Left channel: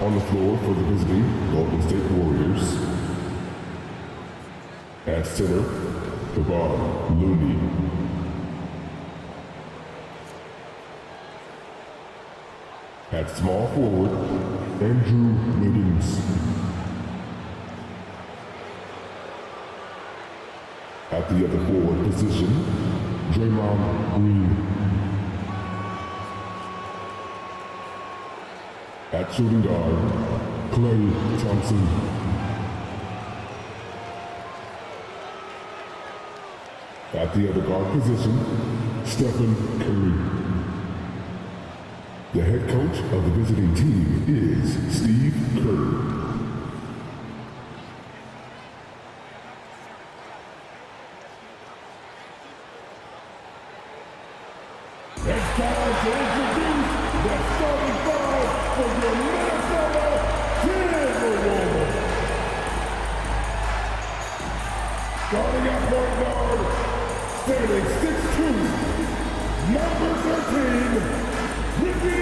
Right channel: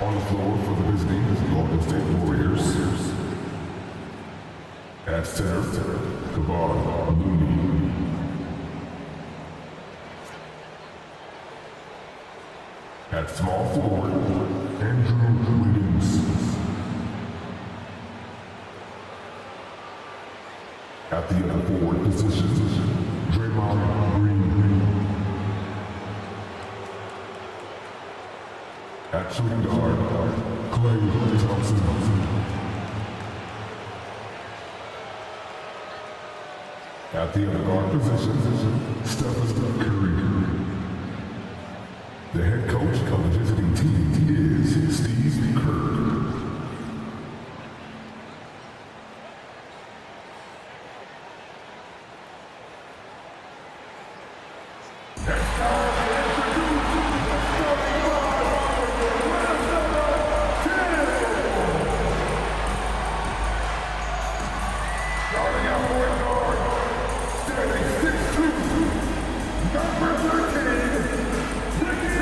On the floor for the visiting Golden State Warriors. At center, Kevon Looney. At small forward, Andrew Wiggins. At the other forward position, Draymond Green. At shooting guard, Klay Thompson. At the other guard position, Stephen Curry. The head coach of the visiting team is Steve Kerr. It's time to introduce the starting five for your Minnesota Timberwolves. Starting at point guard, standing 6'2", number 13, Ricky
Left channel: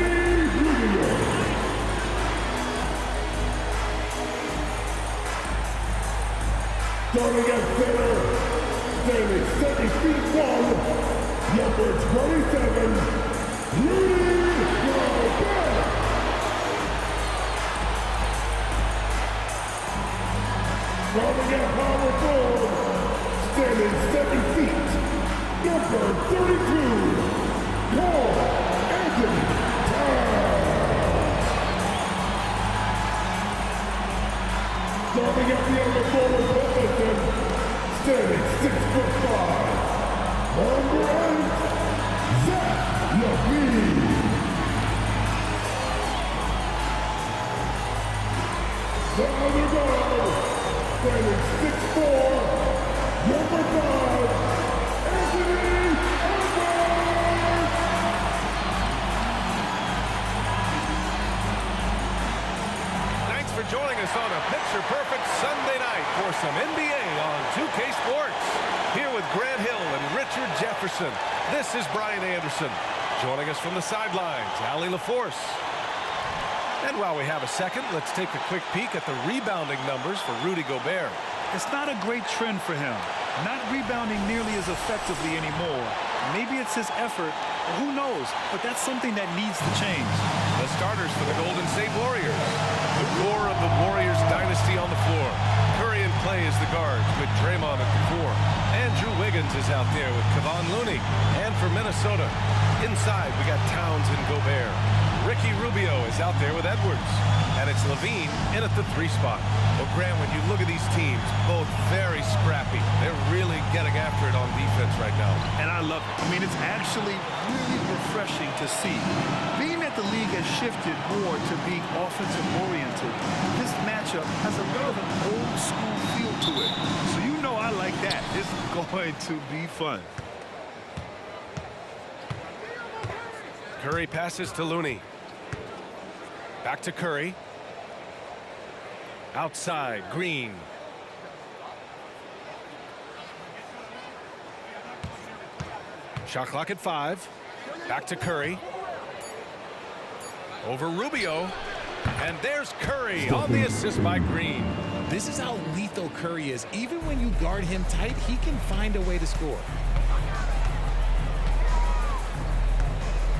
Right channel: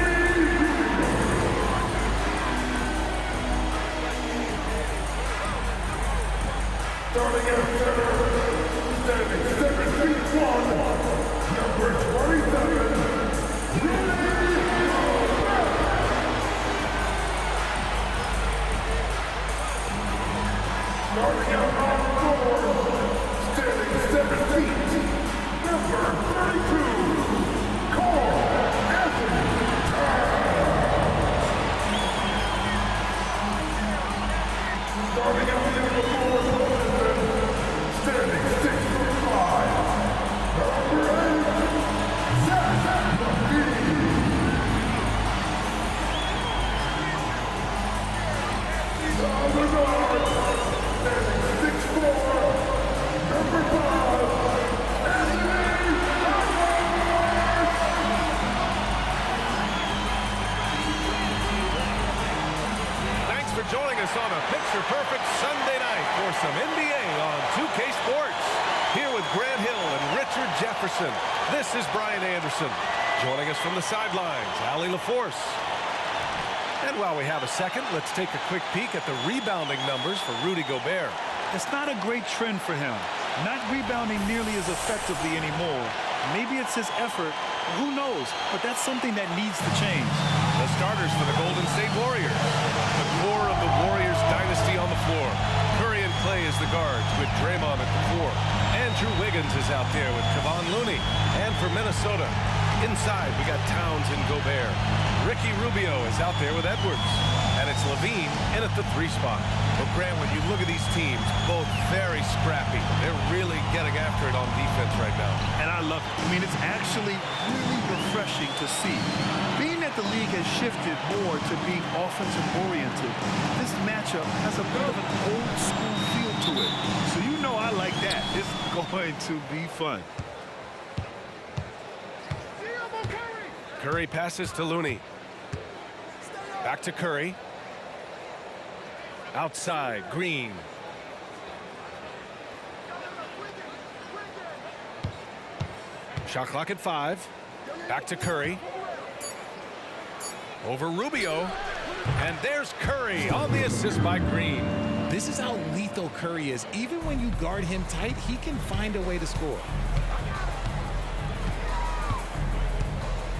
Rubio. Starting at center, standing 7'1", number 27, Rudy Gobert. Starting at power forward, standing 7 feet, number 32, Karl Anthony Towns. Starting at the other forward position, standing 6'5", number 8, Zach LaVine. The other guard, standing 6'4", number 5, Anthony Edwards. Thanks for joining us on a picture-perfect Sunday night for some NBA on 2K Sports. Here with Grant Hill and Richard Jefferson, this is Brian Anderson. Joining us from the sidelines, Allie LaForce. And while we have a second, let's take a quick peek at the rebounding numbers for Rudy Gobert. It's not a great trend for him. Not rebounding nearly as effectively anymore. Maybe it's his effort, or who knows, but that's something that needs to change. The starters for the Golden State Warriors. The core of the Warriors dynasty on the floor. Curry and Klay as the guards with Draymond at the 4. Andrew Wiggins is out there with Kevon Looney. And for Minnesota, inside we got Towns and Gobert. Ricky Rubio is out there with Edwards. And it's LaVine in at the 3 spot. Well, Grant, when you look at these teams, both very scrappy. They're really getting after it on defense right now. And I love it. I mean, it's actually really refreshing to see. Being that the league has shifted more to being offensive-oriented, this matchup has a bit of an old-school feel to it. So you know I like that. It's going to be fun. Curry passes to Looney. Back to Curry. Outside, Green. Shot clock at 5. Back to Curry. Over Rubio. And there's Curry on the assist by Green. This is how lethal Curry is. Even when you guard him tight, he can find a way to score.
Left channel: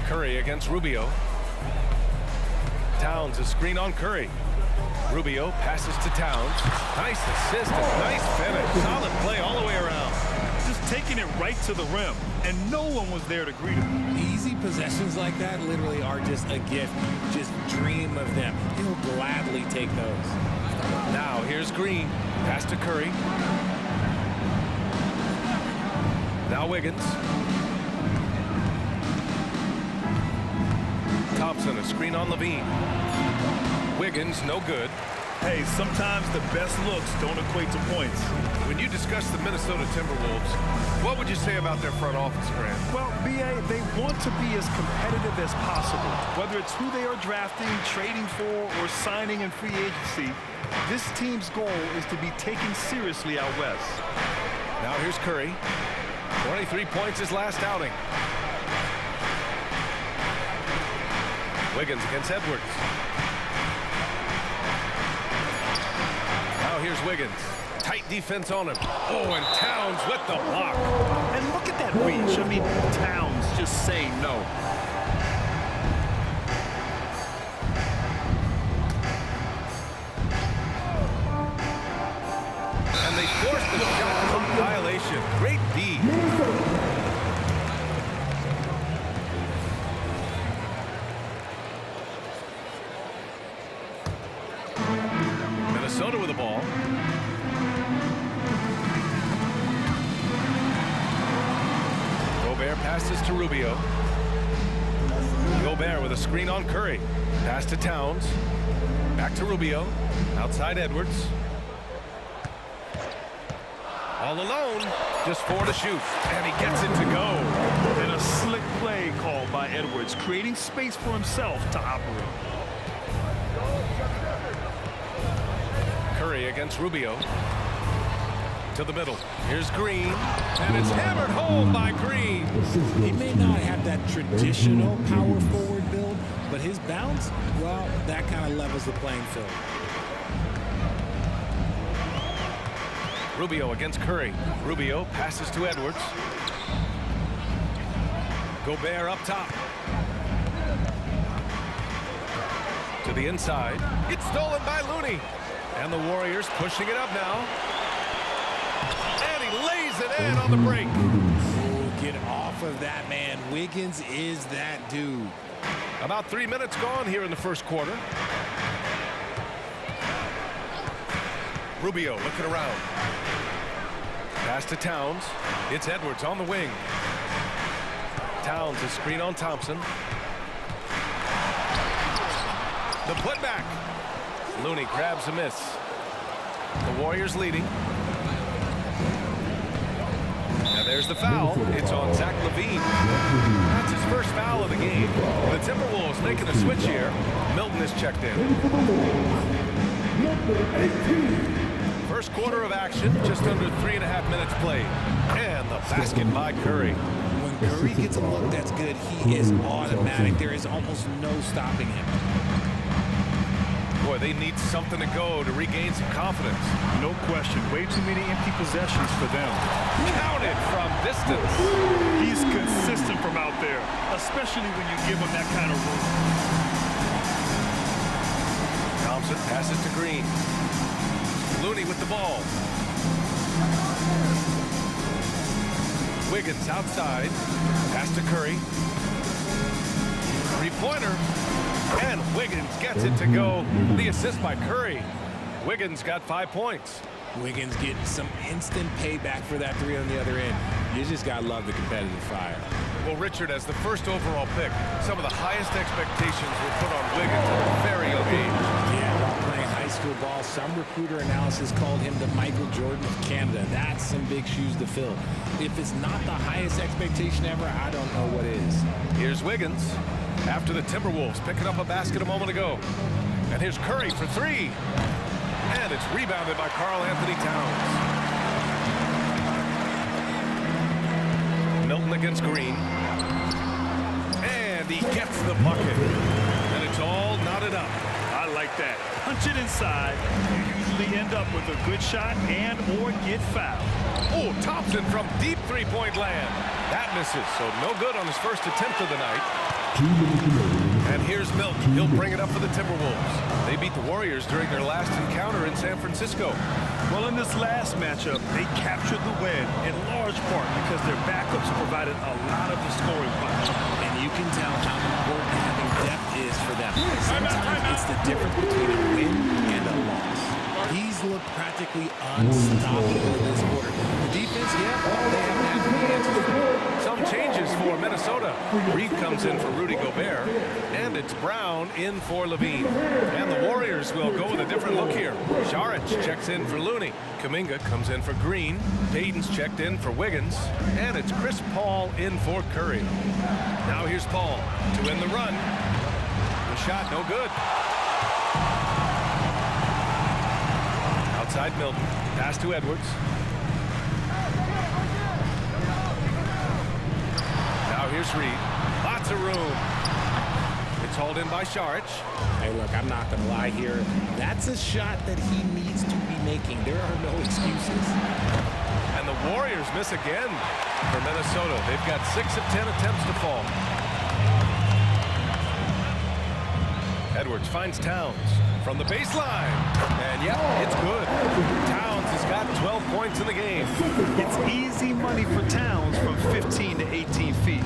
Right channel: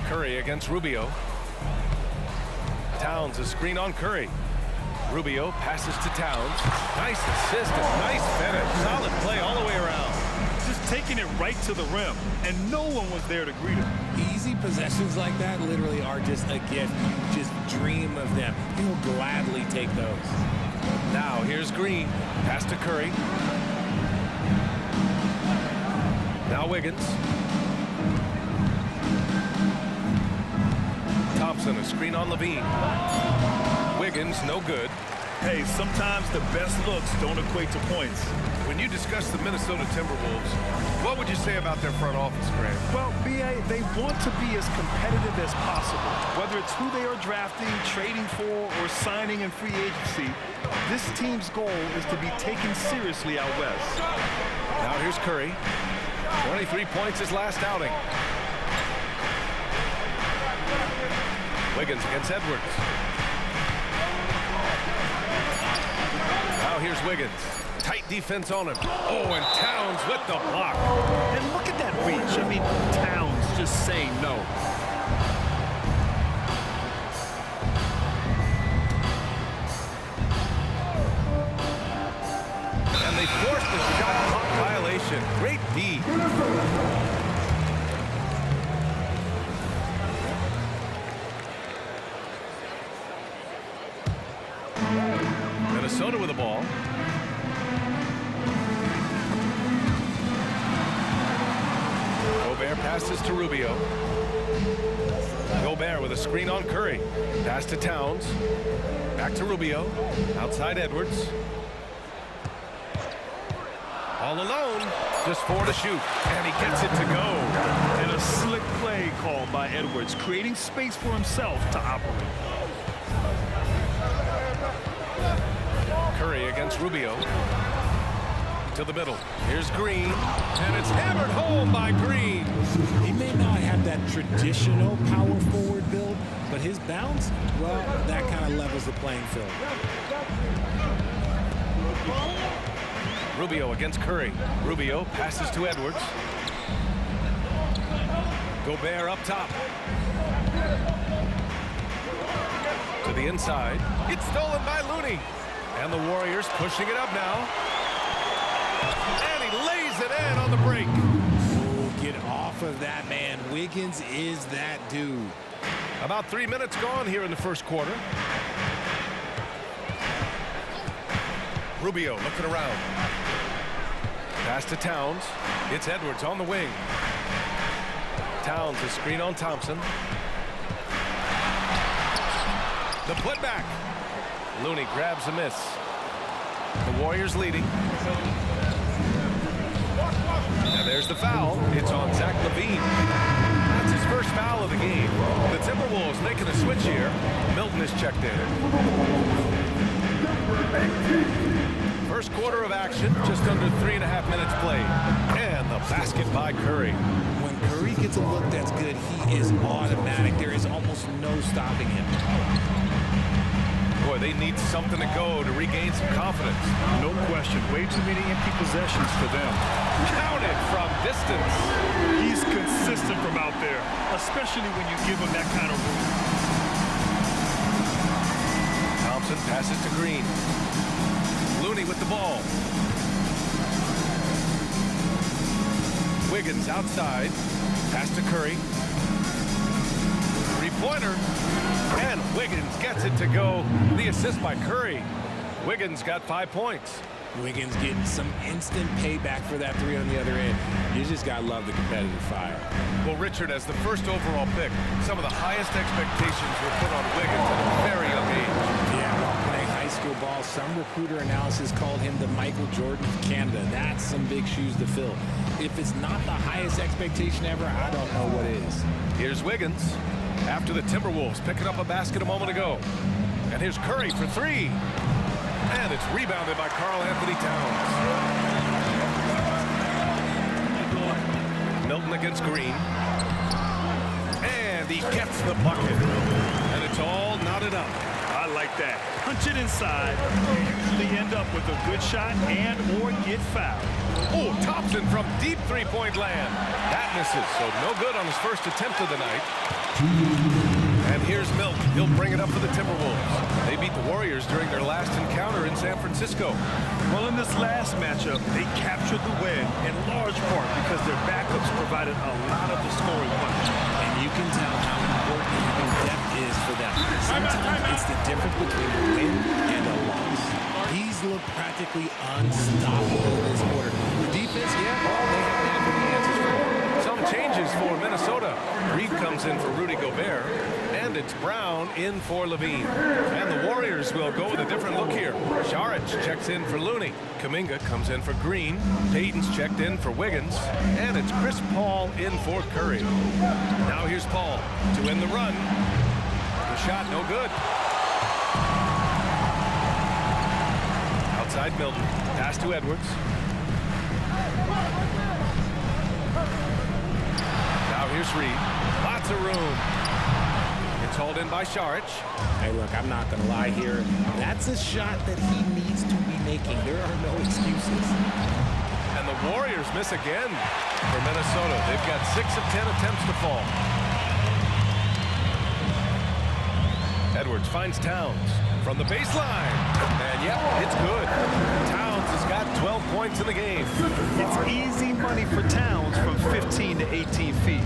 Curry against Rubio. Towns, a screen on Curry. Rubio passes to Towns. Nice assist and nice finish. Solid play all the way around. Just taking it right to the rim, and no one was there to greet him. Easy possessions like that literally are just a gift. You just dream of them. He'll gladly take those. Now here's Green. Pass to Curry. Now Wiggins. Thompson, a screen on LaVine. Wiggins, no good. Hey, sometimes the best looks don't equate to points. When you discuss the Minnesota Timberwolves, what would you say about their front office, Grant? Well, B.A., they want to be as competitive as possible. Whether it's who they are drafting, trading for, or signing in free agency, this team's goal is to be taken seriously out west. Now here's Curry. 23 points his last outing. Wiggins against Edwards. Now here's Wiggins. Tight defense on him. Oh, and Towns with the block. And look at that reach. I mean, Towns just saying no. And they forced the shot clock violation. Great D. Minnesota with the ball. Gobert passes to Rubio. Gobert with a screen on Curry. Pass to Towns. Back to Rubio. Outside Edwards. All alone. Just 4 to shoot. And he gets it to go. And a slick play called by Edwards, creating space for himself to operate. Curry against Rubio. To the middle. Here's Green. And it's hammered home by Green. He may not have that traditional power forward build, but his bounce, well, that kind of levels the playing field. Rubio against Curry. Rubio passes to Edwards. Gobert up top. To the inside. It's stolen by Looney. And the Warriors pushing it up now. And he lays it in on the break. Oh, get off of that, man. Wiggins is that dude. About 3 minutes gone here in the first quarter. Rubio looking around. Pass to Towns. It's Edwards on the wing. Towns a screen on Thompson. The putback. Looney grabs a miss. The Warriors leading. And there's the foul. It's on Zach LaVine. That's his first foul of the game. The Timberwolves making a switch here. Milton is checked in. First quarter of action, just under 3.5 minutes played. And the basket by Curry. When Curry gets a look that's good, he is automatic. There is almost no stopping him. Boy, they need something to go to regain some confidence. No question. Way too many empty possessions for them. Counted from distance. He's consistent from out there, especially when you give him that kind of room. Thompson passes to Green. Looney with the ball. Wiggins outside. Pass to Curry. Three-pointer. And Wiggins gets it to go. The assist by Curry. Wiggins got 5 points. Wiggins getting some instant payback for that three on the other end. You just got to love the competitive fire. Well, Richard, as the first overall pick, some of the highest expectations were put on Wiggins at a very young age. Yeah, while playing high school ball, some recruiter analysis called him the Michael Jordan of Canada. That's some big shoes to fill. If it's not the highest expectation ever, I don't know what is. Here's Wiggins after the Timberwolves picking up a basket a moment ago. And here's Curry for three. And it's rebounded by Karl-Anthony Towns. Milton against Green. And he gets the bucket. And it's all knotted up. I like that. Punch it inside. You usually end up with a good shot and or get fouled. Oh, Thompson from deep three-point land. That misses, so no good on his first attempt of the night. And here's Milton. He'll bring it up for the Timberwolves. They beat the Warriors during their last encounter in San Francisco. Well, in this last matchup, they captured the win in large part because their backups provided a lot of the scoring punch. And you can tell how important having depth is for them. Sometimes it's the difference between a win and a loss. He's looked practically unstoppable this quarter. The defense, yeah, well, they haven't had any answers for him. Some changes for Minnesota. Reed comes in for Rudy Gobert, and it's Brown in for LaVine. And the Warriors will go with a different look here. Saric checks in for Looney. Kuminga comes in for Green. Payton's checked in for Wiggins. And it's Chris Paul in for Curry. Now here's Paul to win the run. The shot no good. Outside Milton. Pass to Edwards. Now here's Reed. Lots of room. It's hauled in by Saric. Hey, look, I'm not going to lie here. That's a shot that he needs to be making. There are no excuses. And the Warriors miss again for Minnesota. They've got 6 of 10 attempts to fall. Edwards finds Towns from the baseline. And yep, it's good. Towns has got 12 points in the game. It's easy money for Towns from 15 to 18 feet.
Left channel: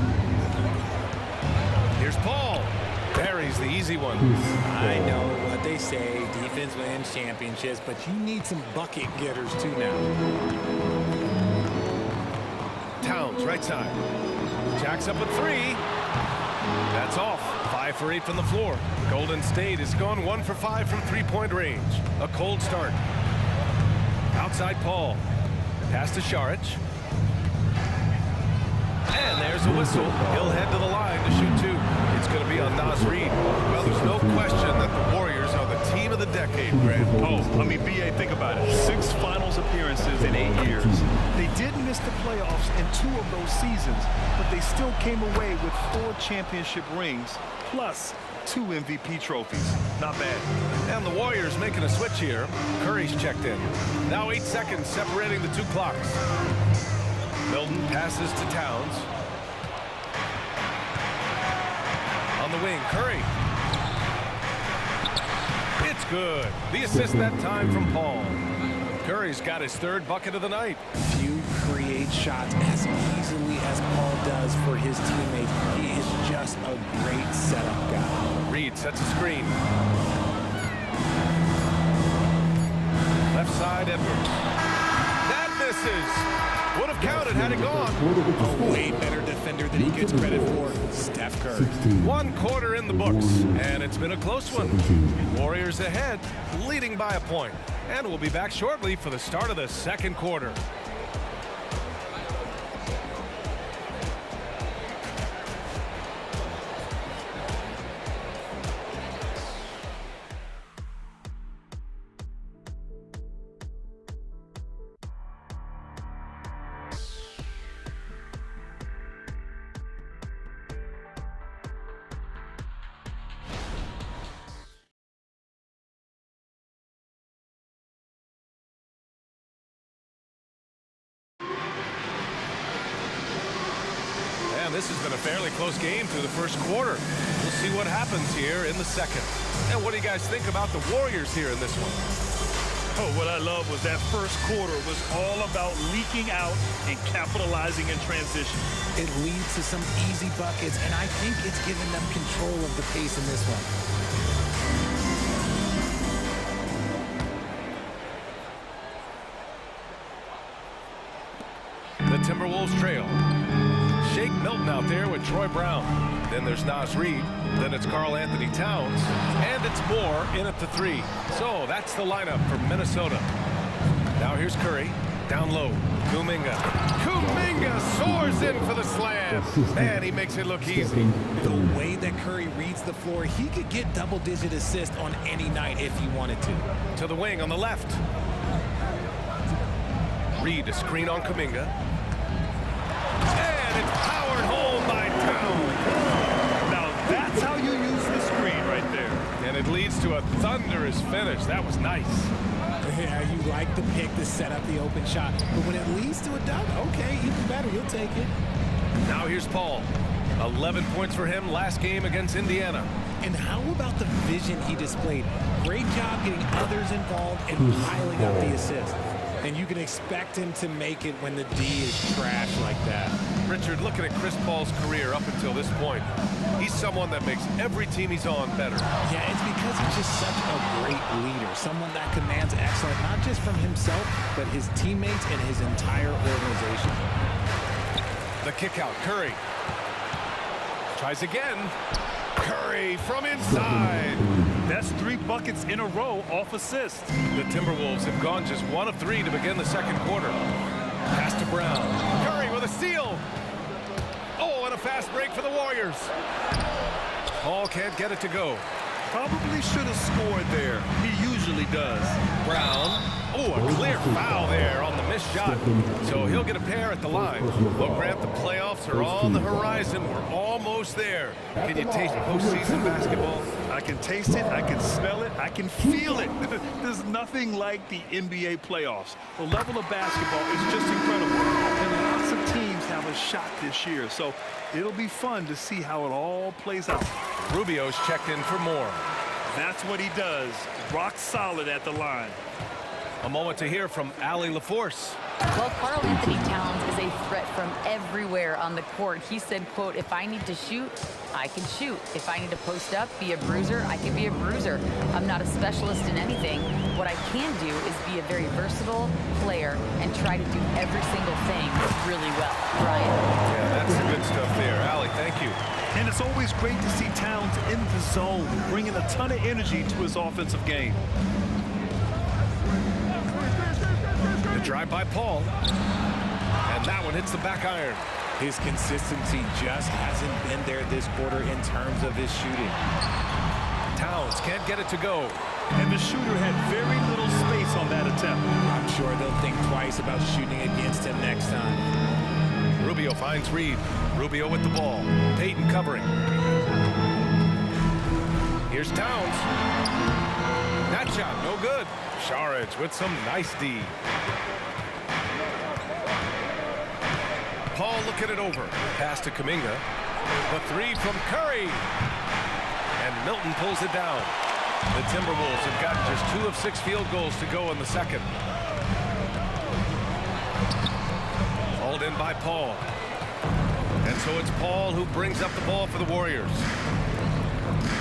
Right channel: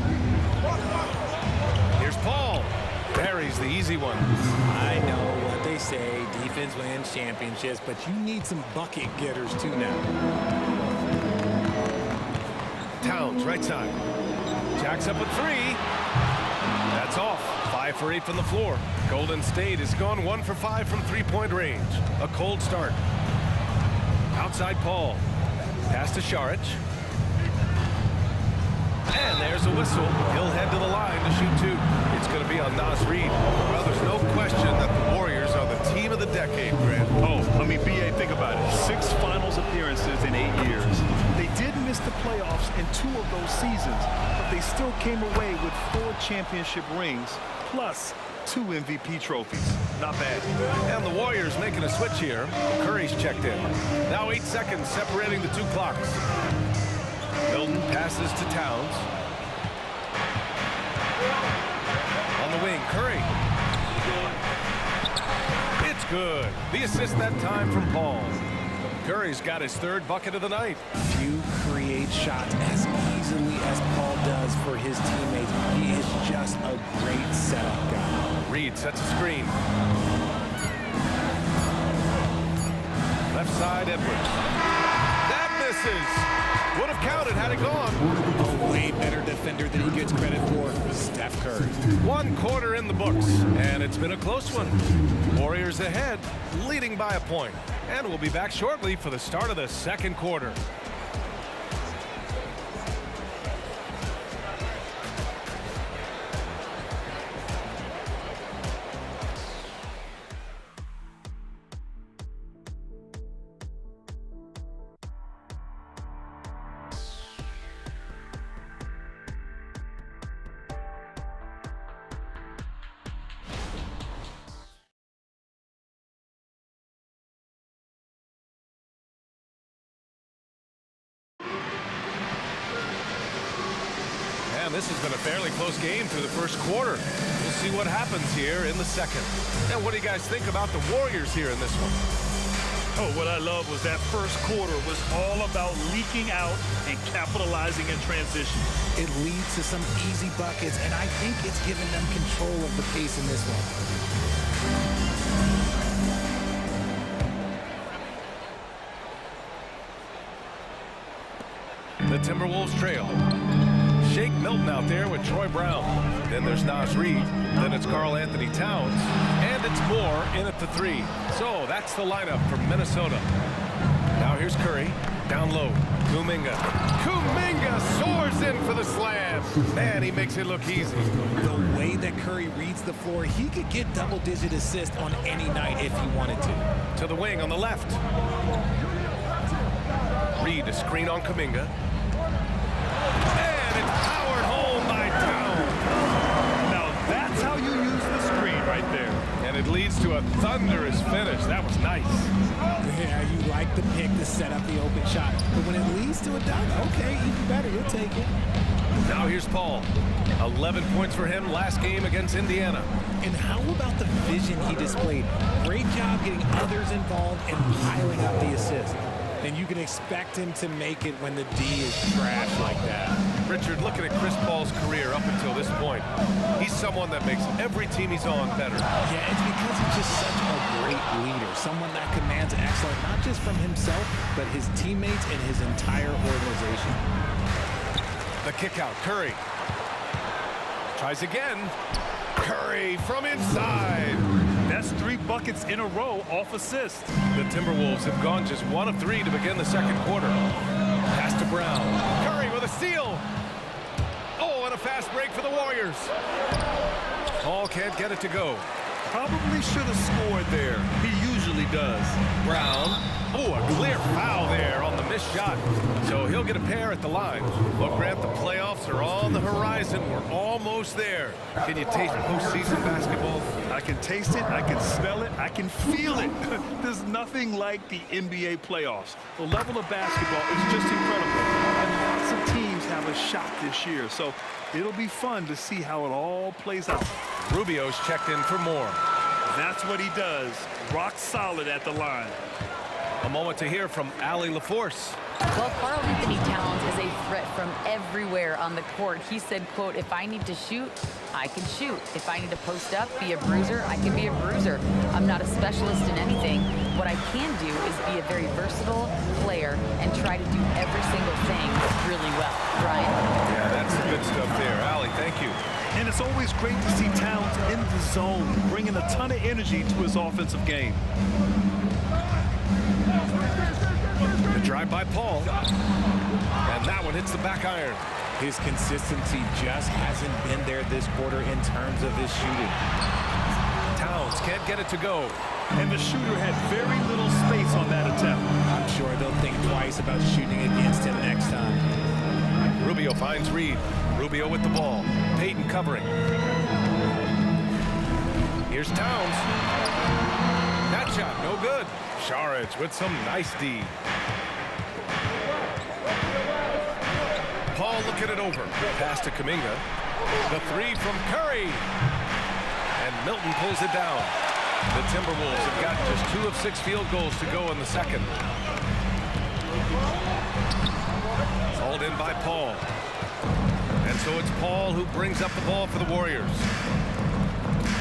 Here's Paul. Buries the easy one. I know what they say, defense wins championships, but you need some bucket getters too now. Towns, right side. Jacks up with 3. That's off. 5 for 8 from the floor. Golden State is gone 1 for 5 from three-point range. A cold start. Outside Paul. Pass to Saric. And there's a whistle. He'll head to the line to shoot 2. It's going to be on Naz Reid. Well, there's no question that the Warriors are the team of the decade, Grant. Oh, I mean, B.A., think about it. 6 finals appearances in 8 years. They did miss the playoffs in 2 of those seasons, but they still came away with 4 championship rings, plus 2 MVP trophies. Not bad. And the Warriors making a switch here. Curry's checked in. Now 8 seconds separating the 2 clocks. Milton passes to Towns. On the wing, Curry. It's good. The assist that time from Paul. Curry's got his 3rd bucket of the night. Few create shots as easily as Paul does for his teammates. He is just a great setup guy. Reid sets a screen. Left side, Edwards. That misses. Would have counted had it gone. A way better defender than he gets credit for, Steph Curry. 1 quarter in the books, and it's been a close one. Warriors ahead, leading by a point. And we'll be back shortly for the start of the 2nd quarter. And this has been a fairly close game through the 1st quarter. We'll see what happens here in the 2nd. And what do you guys think about the Warriors here in this one? Oh, what I love was that 1st quarter was all about leaking out and capitalizing in transition. It leads to some easy buckets, and I think it's given them control of the pace in this one. The Timberwolves trail. Shake Milton out there with Troy Brown. Then there's Naz Reid. Then it's Karl-Anthony Towns. And it's Moore in at the 3. So that's the lineup for Minnesota. Now here's Curry. Down low. Kuminga. Kuminga soars in for the slam. Man, he makes it look easy. The way that Curry reads the floor, he could get double-digit assists on any night if he wanted to. To the wing on the left. Reid a screen on Kuminga. And it's powered home by Towns. Now that's how you use the screen right there. And it leads to a thunderous finish. That was nice. Yeah, you like the pick to set up the open shot. But when it leads to a dunk, okay, even better. You'll take it. Now here's Paul. 11 points for him last game against Indiana. And how about the vision he displayed? Great job getting others involved and piling up the assist. And you can expect him to make it when the D is trash like that. Richard, looking at Chris Paul's career up until this point, he's someone that makes every team he's on better. Yeah, it's because he's just such a great leader, someone that commands excellence, not just from himself, but his teammates and his entire organization. The kick out, Curry. Tries again. Curry from inside. That's 3 buckets in a row off assist. The Timberwolves have gone just 1 of 3 to begin the 2nd quarter. Pass to Brown. Curry with a steal. Oh, and a fast break for the Warriors. Paul can't get it to go. Probably should have scored there. He usually does. Brown. Oh, a clear foul there on the missed shot. So he'll get a pair at the line. Well, Grant, the playoffs are on the horizon. We're almost there. Can you taste postseason basketball? I can taste it, I can smell it, I can feel it. There's nothing like the NBA playoffs. The level of basketball is just incredible. And lots of teams have a shot this year. So it'll be fun to see how it all plays out. Rubio's checked in for more. That's what he does. Rock solid at the line. A moment to hear from Allie LaForce. Well, Karl-Anthony Towns is a threat from everywhere on the court. He said, quote, if I need to shoot, I can shoot. If I need to post up, be a bruiser, I can be a bruiser. I'm not a specialist in anything. What I can do is be a very versatile player and try to do every single thing really well. Brian? Yeah, that's the good stuff there. Allie, thank you. And it's always great to see Towns in the zone, bringing a ton of energy to his offensive game. The drive by Paul. And that one hits the back iron. His consistency just hasn't been there this quarter in terms of his shooting. Towns can't get it to go. And the shooter had very little space on that attempt. I'm sure they'll think twice about shooting against him next time. Rubio finds Reed. Rubio with the ball. Payton covering. Here's Towns. That shot, no good. Saric with some nice D. Paul looking it over. Pass to Kuminga. The three from Curry. And Milton pulls it down. The Timberwolves have gotten just 2 of 6 field goals to go in the second. Hauled in by Paul. And so it's Paul who brings up the ball for the Warriors.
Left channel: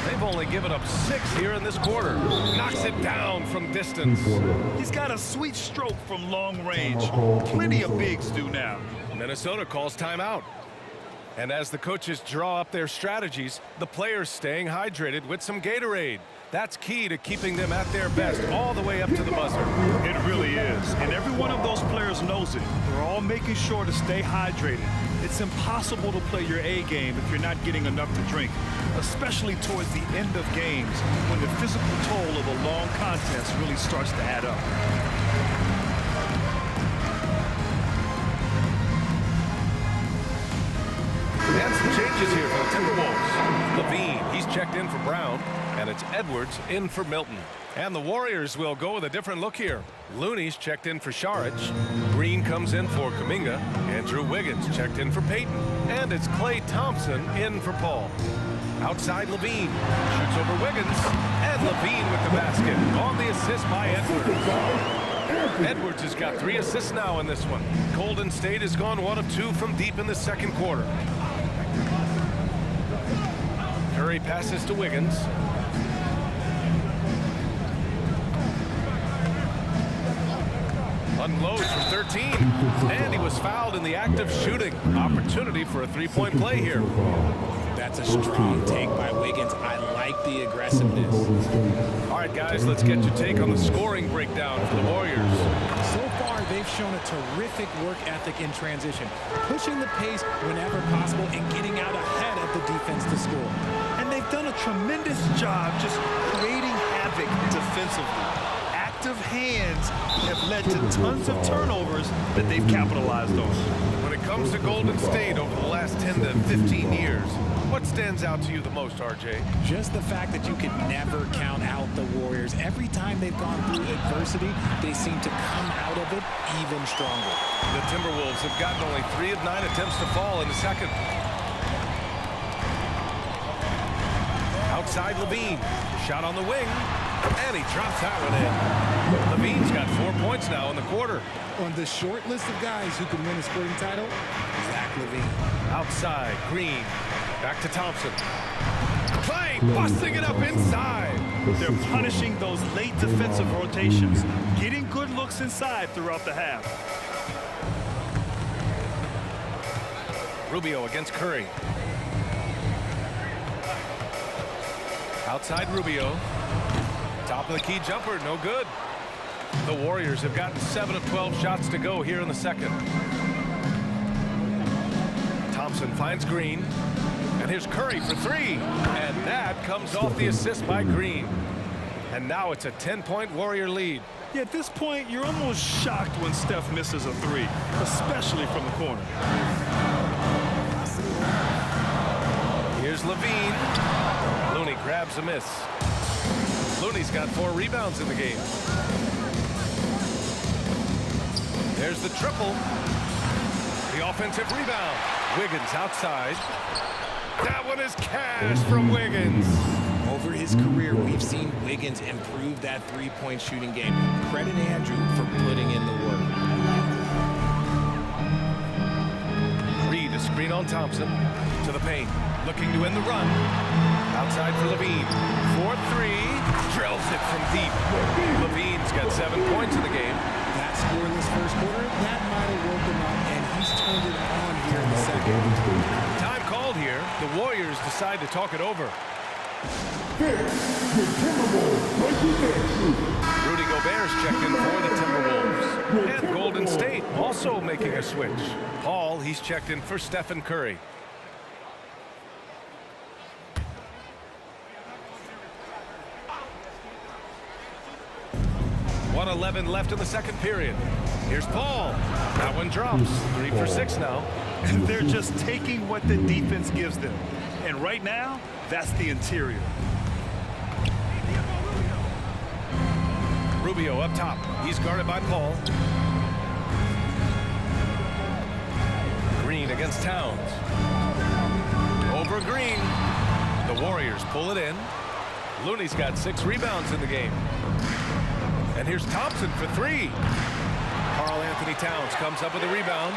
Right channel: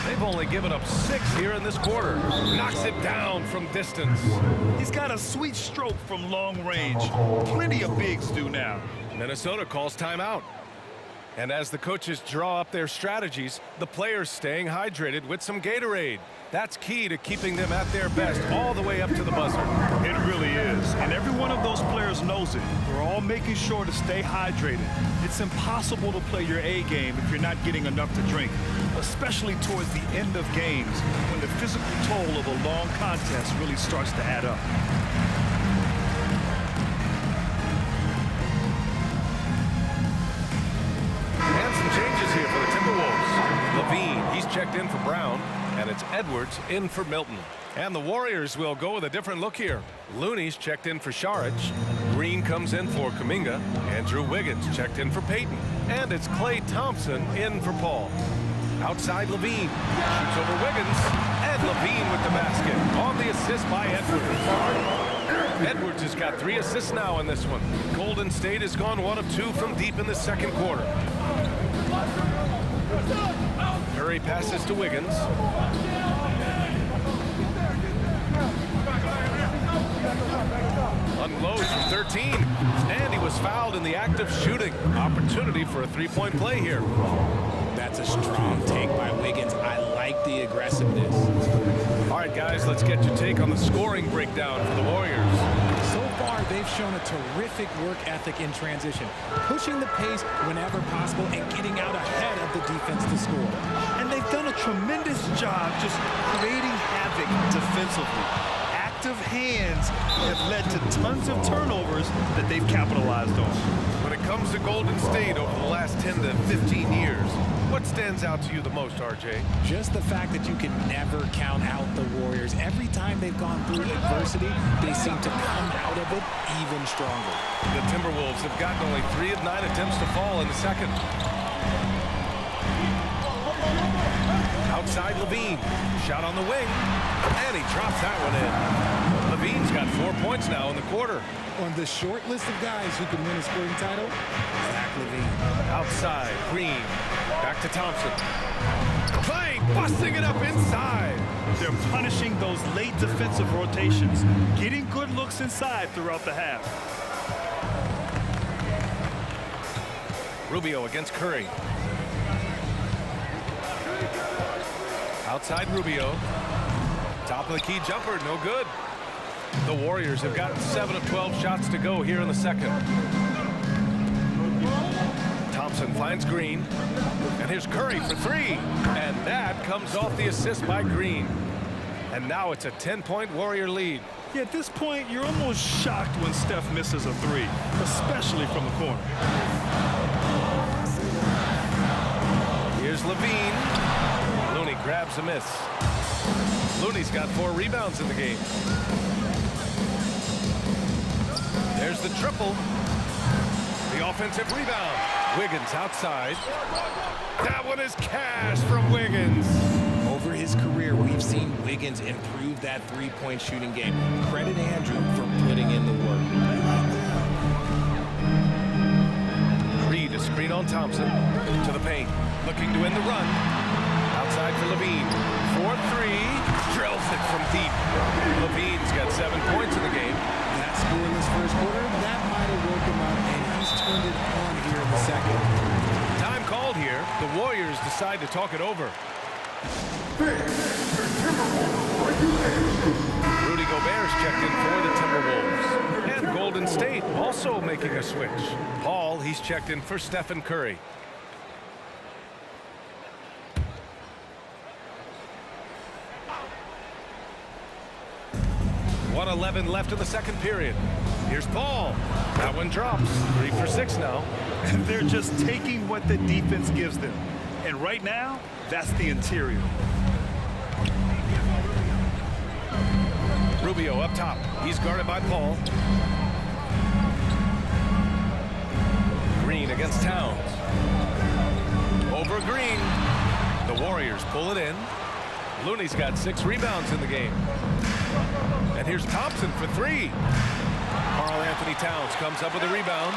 They've only given up 6 here in this quarter. Knocks it down from distance. He's got a sweet stroke from long range. Plenty of bigs do now. Minnesota calls timeout. And as the coaches draw up their strategies, the players staying hydrated with some Gatorade. That's key to keeping them at their best all the way up to the buzzer. It really is. And every one of those players knows it. They're all making sure to stay hydrated. It's impossible to play your A game if you're not getting enough to drink, especially towards the end of games when the physical toll of a long contest really starts to add up. And some changes here for the Timberwolves. Levine, he's checked in for Brown, and it's Edwards in for Milton. And the Warriors will go with a different look here. Looney's checked in for Saric. Green comes in for Kuminga. Andrew Wiggins checked in for Payton. And it's Klay Thompson in for Paul. Outside Levine. Shoots over Wiggins. And Levine with the basket. On the assist by Edwards. Edwards has got 3 assists now in this one. Golden State has gone 1 of 2 from deep in the second quarter. Curry passes to Wiggins. Unloads from 13. And he was fouled in the act of shooting. Opportunity for a 3-point play here. That's a strong take by Wiggins. I like the aggressiveness. All right, guys, let's get your take on the scoring breakdown for the Warriors. So far, they've shown a terrific work ethic in transition, pushing the pace whenever possible and getting out ahead of the defense to score. And they've done a tremendous job just creating havoc defensively. Active hands have led to tons of turnovers that they've capitalized on. When it comes to Golden State over the last 10 to 15 years, what stands out to you the most, RJ? Just the fact that you can never count out the Warriors. Every time they've gone through adversity, they seem to come out of it even stronger. The Timberwolves have gotten only 3 of 9 attempts to fall in the second. Outside Levine. Shot on the wing. And he drops that one in. Levine's got 4 points now in the quarter. On the short list of guys who can win a sporting title, Zach LaVine. Outside, Green. Back to Thompson. Klay busting it up inside. They're punishing those late defensive rotations, getting good looks inside throughout the half. Rubio against Curry. Outside Rubio. Top of the key jumper, no good. The Warriors have gotten 7 of 12 shots to go here in the second. Thompson finds Green. And here's Curry for three. And that comes off the assist by Green. And now it's a 10-point Warrior lead. Yeah, at this point, you're almost shocked when Steph misses a three, especially from the corner. Here's Levine. Looney grabs a miss. Looney's got 4 rebounds in the game. There's the triple. The offensive rebound. Wiggins outside. That one is cash from Wiggins. Over his career, we've seen Wiggins improve that three-point shooting game. Credit Andrew for putting in the work. Reed, a screen on Thompson. To the paint. Looking to win the run. Outside for Levine. 4-3. Drills it from deep. Levine's got 7 points in the game. That scoreless first quarter, that might have woke him up, and he's turned it on here in the second. Time called here. The Warriors decide to talk it over. Rudy Gobert's checked in for the Timberwolves. And Golden State also making a switch. Paul, he's checked in for Stephen Curry. 1:11 left in the second period. Here's Paul. That one drops. 3 for 6 now. They're just taking what the defense gives them. And right now, that's the interior. Rubio up top. He's guarded by Paul. Green against Towns. Over Green. The Warriors pull it in. Looney's got 6 rebounds in the game. And here's Thompson for 3. Karl Anthony Towns comes up with a rebound.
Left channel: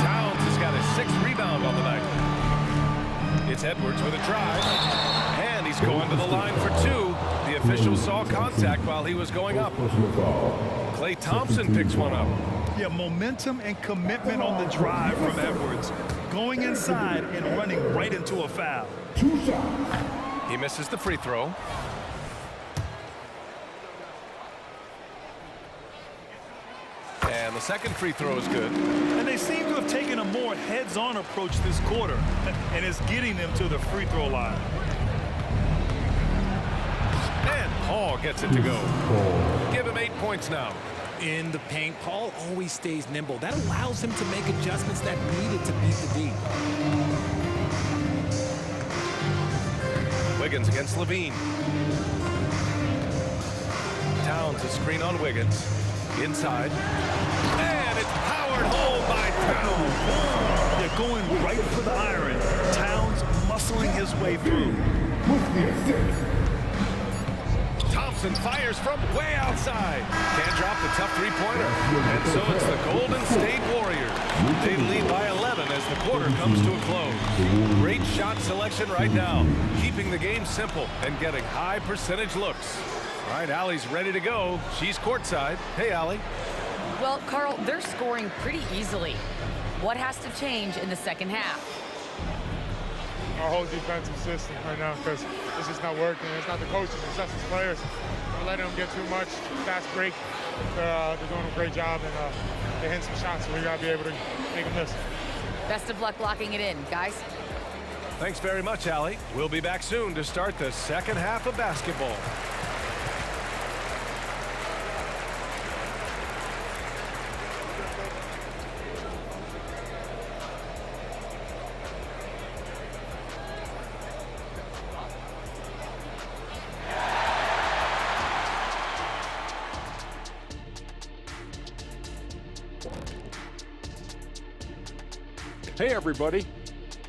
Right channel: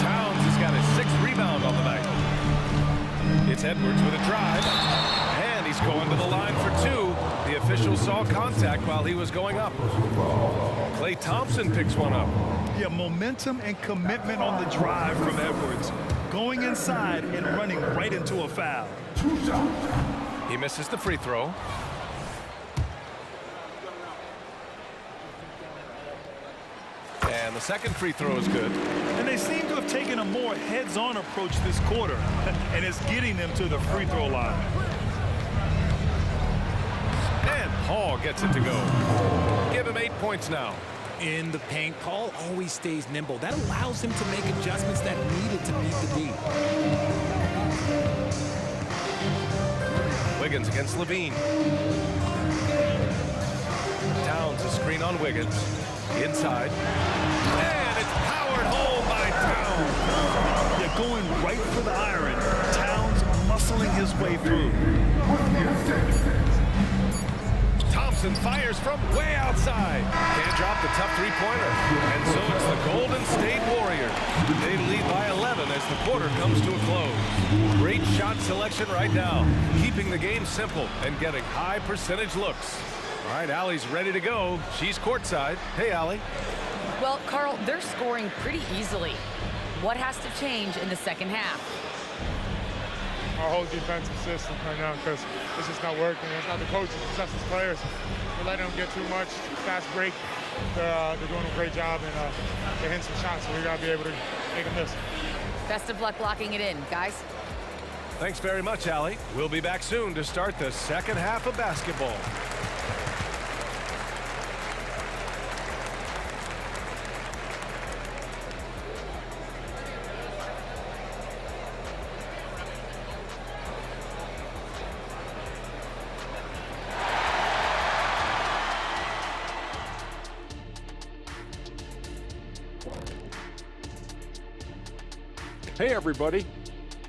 Towns has got his 6th rebound on the night. It's Edwards with a drive. And he's going to the line for 2. The official saw contact while he was going up. Klay Thompson picks one up. Yeah, momentum and commitment on the drive from Edwards. Going inside and running right into a foul. He misses the free throw. And the second free throw is good. And they seem to have taken a more heads-on approach this quarter, and it's getting them to the free throw line. And Paul gets it to go. Give him 8 points now. In the paint, Paul always stays nimble. That allows him to make adjustments that needed to beat the D. Wiggins against Levine. Towns a screen on Wiggins. Inside. And it's powered home by Towns. Yeah, going right for the iron. Towns muscling his way through. Thompson fires from way outside. Can't drop the tough three-pointer. And so it's the Golden State Warriors. They lead by 11 as the quarter comes to a close. Great shot selection right now, keeping the game simple and getting high percentage looks. All right, Allie's ready to go. She's courtside. Hey, Allie. Well, Carl, they're scoring pretty easily. What has to change in the second half? Our whole defensive system right now, because it's just not working. It's not the coaches, it's just the players. We're letting them get too much. Fast break. They're doing a great job, and they're hitting some shots, so we got to be able to make them miss. Best of luck locking it in, guys. Thanks very much, Allie. We'll be back soon to start the second half of basketball. Hey, everybody.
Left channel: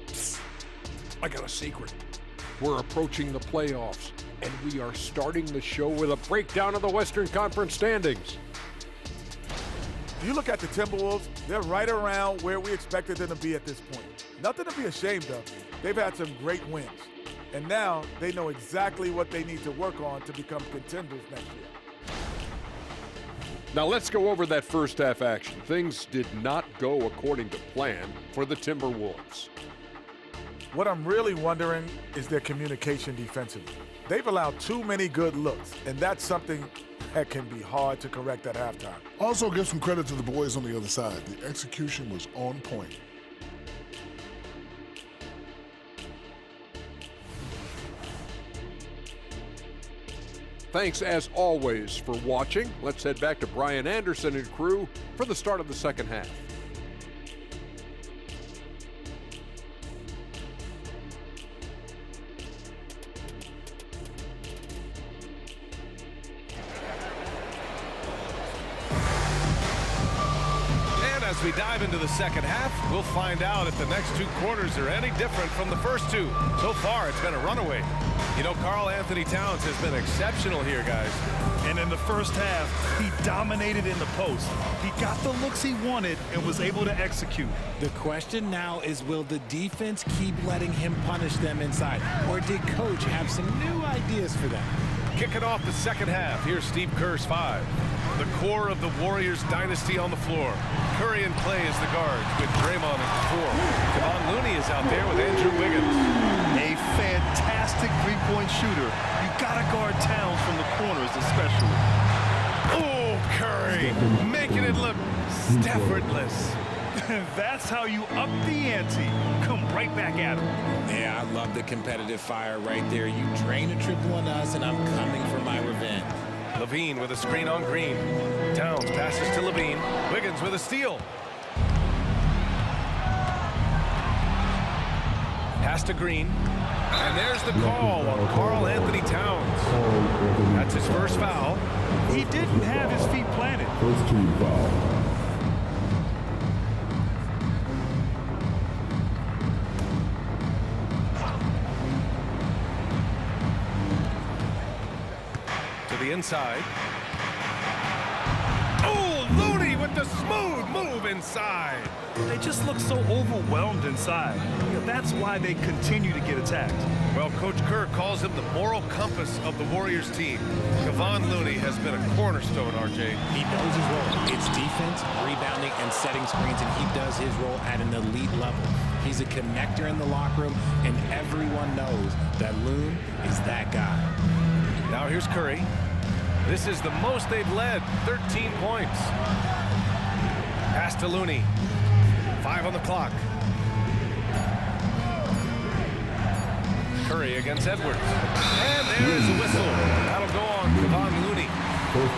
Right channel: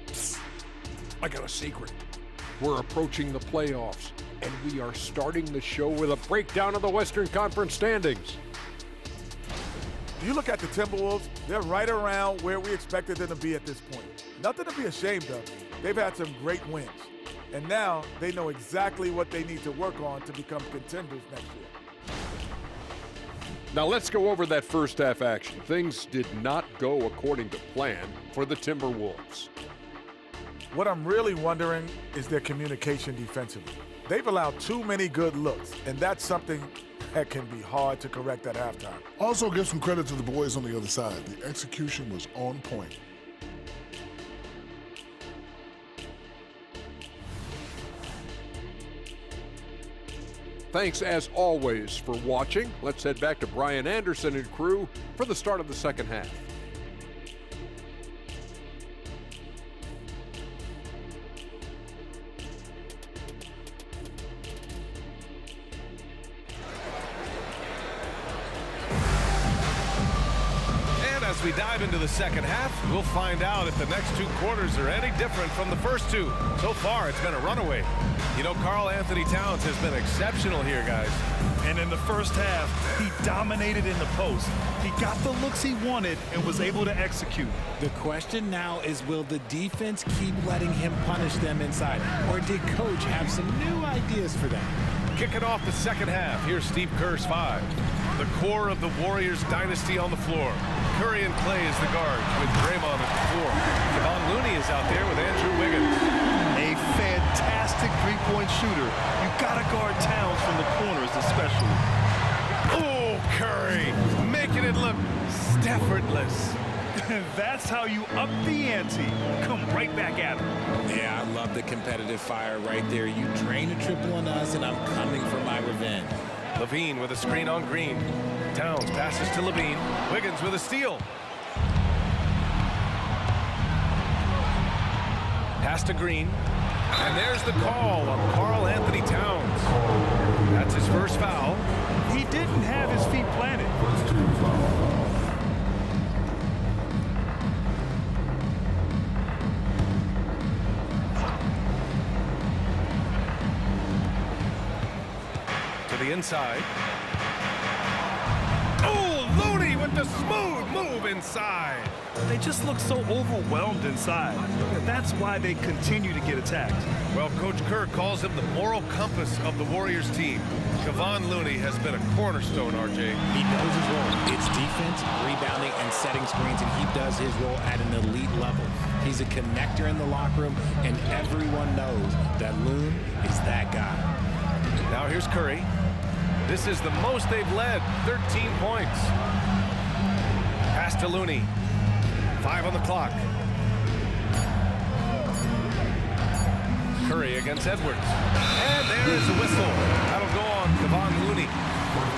Psst. I got a secret. We're approaching the playoffs, and we are starting the show with a breakdown of the Western Conference standings. You look at the Timberwolves, they're right around where we expected them to be at this point. Nothing to be ashamed of. They've had some great wins. And now they know exactly what they need to work on to become contenders next year. Now let's go over that first half action. Things did not go according to plan for the Timberwolves. What I'm really wondering is their communication defensively. They've allowed too many good looks, and that's something that can be hard to correct at halftime. Also give some credit to the boys on the other side. The execution was on point. Thanks as always for watching. Let's head back to Brian Anderson and crew for the start of the second half. As we dive into the second half, we'll find out if the next two quarters are any different from the first two. So far, it's been a runaway. You know, Karl Anthony Towns has been exceptional here, guys. And in the first half, he dominated in the post. He got the looks he wanted and was able to execute. The question now is, will the defense keep letting him punish them inside? Or did Coach have some new ideas for them? Kicking off the second half, here's Steve Kerr's five. The core of the Warriors dynasty on the floor. Curry and Clay as the guards with Draymond at the four. Kevon Looney is out there with Andrew Wiggins. A fantastic three-point shooter. You gotta guard Towns from the corners especially. Oh, Curry, making it look effortless. That's how you up the ante. Come right back at him. Yeah, I love the competitive fire right there. You drain a triple on us, and I'm coming for my revenge. Levine with a screen on Green. Towns passes to Levine. Wiggins with a steal. Pass to Green. And there's the call on Karl Anthony Towns. That's his first foul. He didn't have his feet planted. First team foul. To the inside. Oh, Looney with the smooth move inside. They just look so overwhelmed inside. That's why they continue to get attacked. Well, Coach Kerr calls him the moral compass of the Warriors team. Kevon Looney has been a cornerstone, RJ. He knows his role. It's defense, rebounding, and setting screens, and he does his role at an elite level. He's a connector in the locker room, and everyone knows that Loon is that guy. Now here's Curry. This is the most they've led, 13 points. Pass to Looney. 5 on the clock. Curry against Edwards. And there is a whistle. That'll go on Kevon Looney.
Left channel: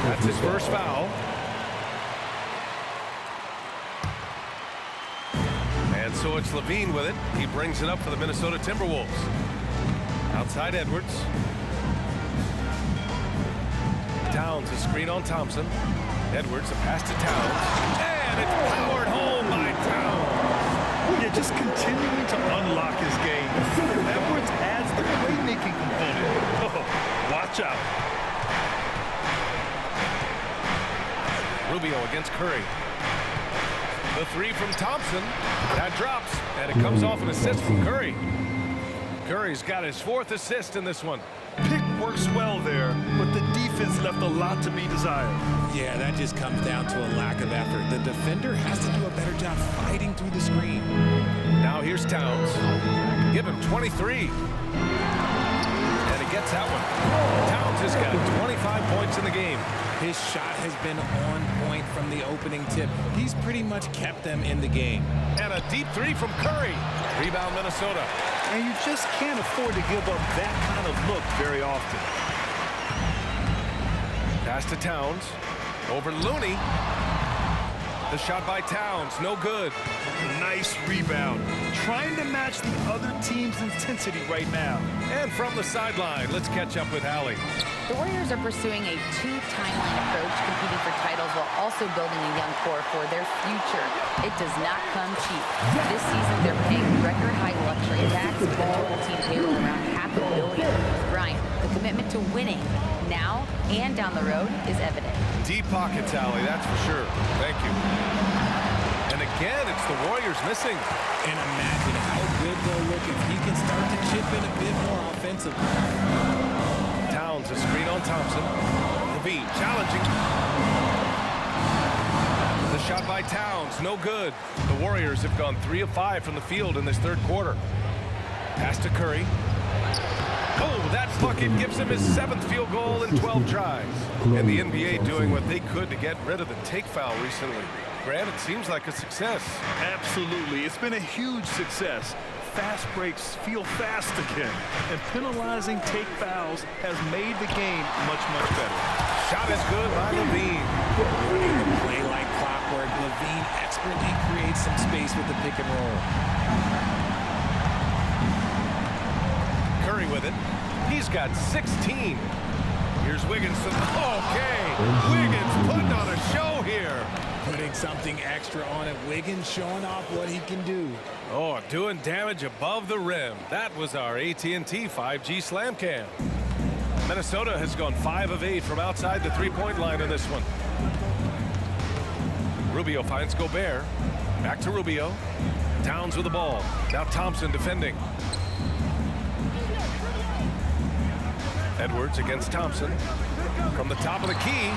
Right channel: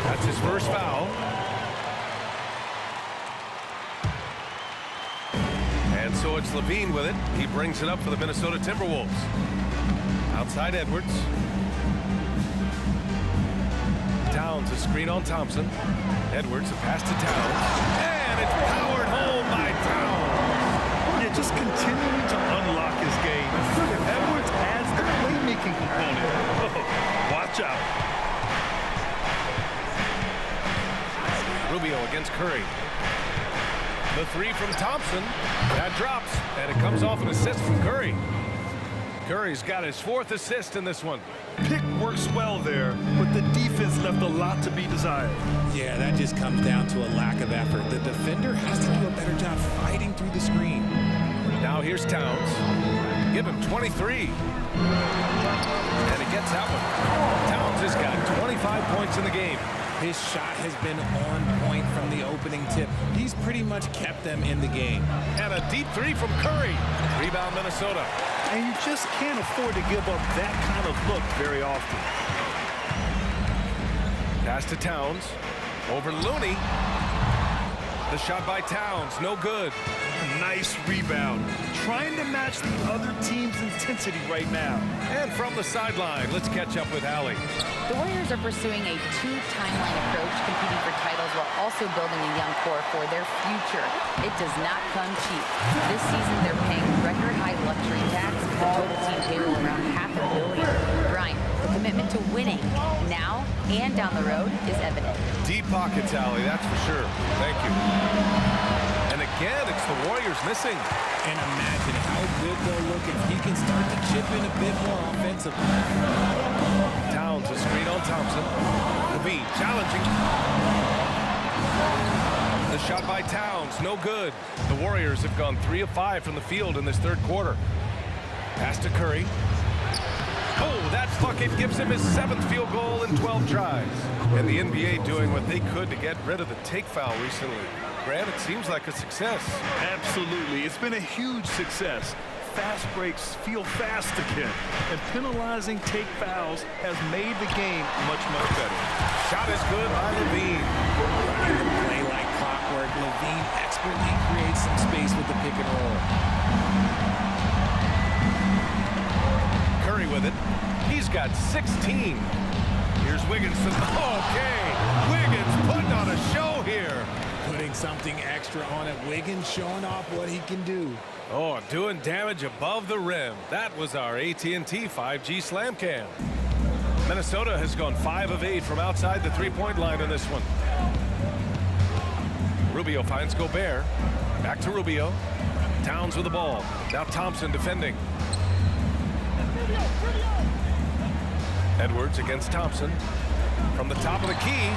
That's his first foul. And so it's Levine with it. He brings it up for the Minnesota Timberwolves. Outside Edwards. Towns a screen on Thompson. Edwards a pass to Towns. And it's powered home by Towns. Yeah, just continuing to unlock his game. If Edwards adds the playmaking component, watch out. Rubio against Curry. The three from Thompson. That drops, and it comes off an assist from Curry. Curry's got his 4th assist in this one. Pick works well there, but the defense left a lot to be desired. Yeah, that just comes down to a lack of effort. The defender has to do a better job fighting through the screen. Now here's Towns. Give him 23. And he gets that one. Towns has got 25 points in the game. His shot has been on point from the opening tip. He's pretty much kept them in the game. And a deep three from Curry. Rebound Minnesota. And you just can't afford to give up that kind of look very often. Pass to Towns. Over Looney. The shot by Towns, no good. Nice rebound. Trying to match the other team's intensity right now. And from the sideline, let's catch up with Allie. The Warriors are pursuing a 2-timeline approach, competing for titles while also building a young core for their future. It does not come cheap. This season, they're paying record-high luxury tax with the total team payroll around $500 million. Brian, the commitment to winning now and down the road is evident. Deep pockets, Allie, that's for sure. Thank you. And again, it's the Warriors missing. And imagine how good they'll look if he can start to chip in a bit more offensively. Towns a screen on Thompson. Levine challenging. The shot by Towns, no good. The Warriors have gone 3 of 5 from the field in this third quarter. Pass to Curry. Oh, that bucket gives him his 7th field goal in 12 tries. And the NBA doing what they could to get rid of the take foul recently. Grant, it seems like a success. Absolutely. It's been a huge success. fast breaks feel fast again. And penalizing take fouls has made the game much, much better. Shot is good by Levine. Running the play like clockwork, Levine expertly creates some space with the pick and roll. Curry with it. He's got 16. Here's Wiggins. Okay, Wiggins putting on a show here. Putting something extra on it. Wiggins showing off what he can do. Oh, doing damage above the rim. That was our AT&T 5G Slam Cam. Minnesota has gone 5 of 8 from outside the three-point line in this one. Rubio finds Gobert. Back to Rubio. Towns with the ball. Now Thompson defending. Edwards against Thompson. From the top of the key.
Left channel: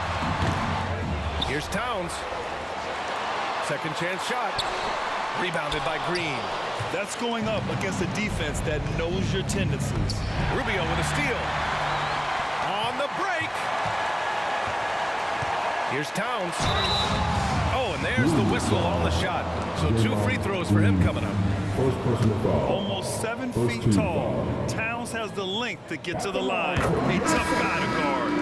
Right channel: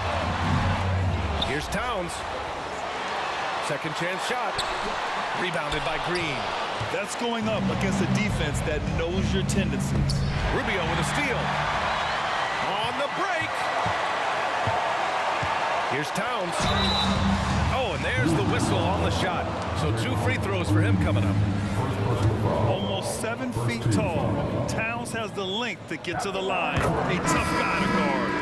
Here's Towns. Second chance shot. Rebounded by Green. That's going up against a defense that knows your tendencies. Rubio with a steal. On the break. Here's Towns. Oh, and there's the whistle on the shot. So 2 free throws for him coming up. First personal foul. Almost 7 First feet team tall. foul. Towns has the length to get to the line. A tough guy to guard.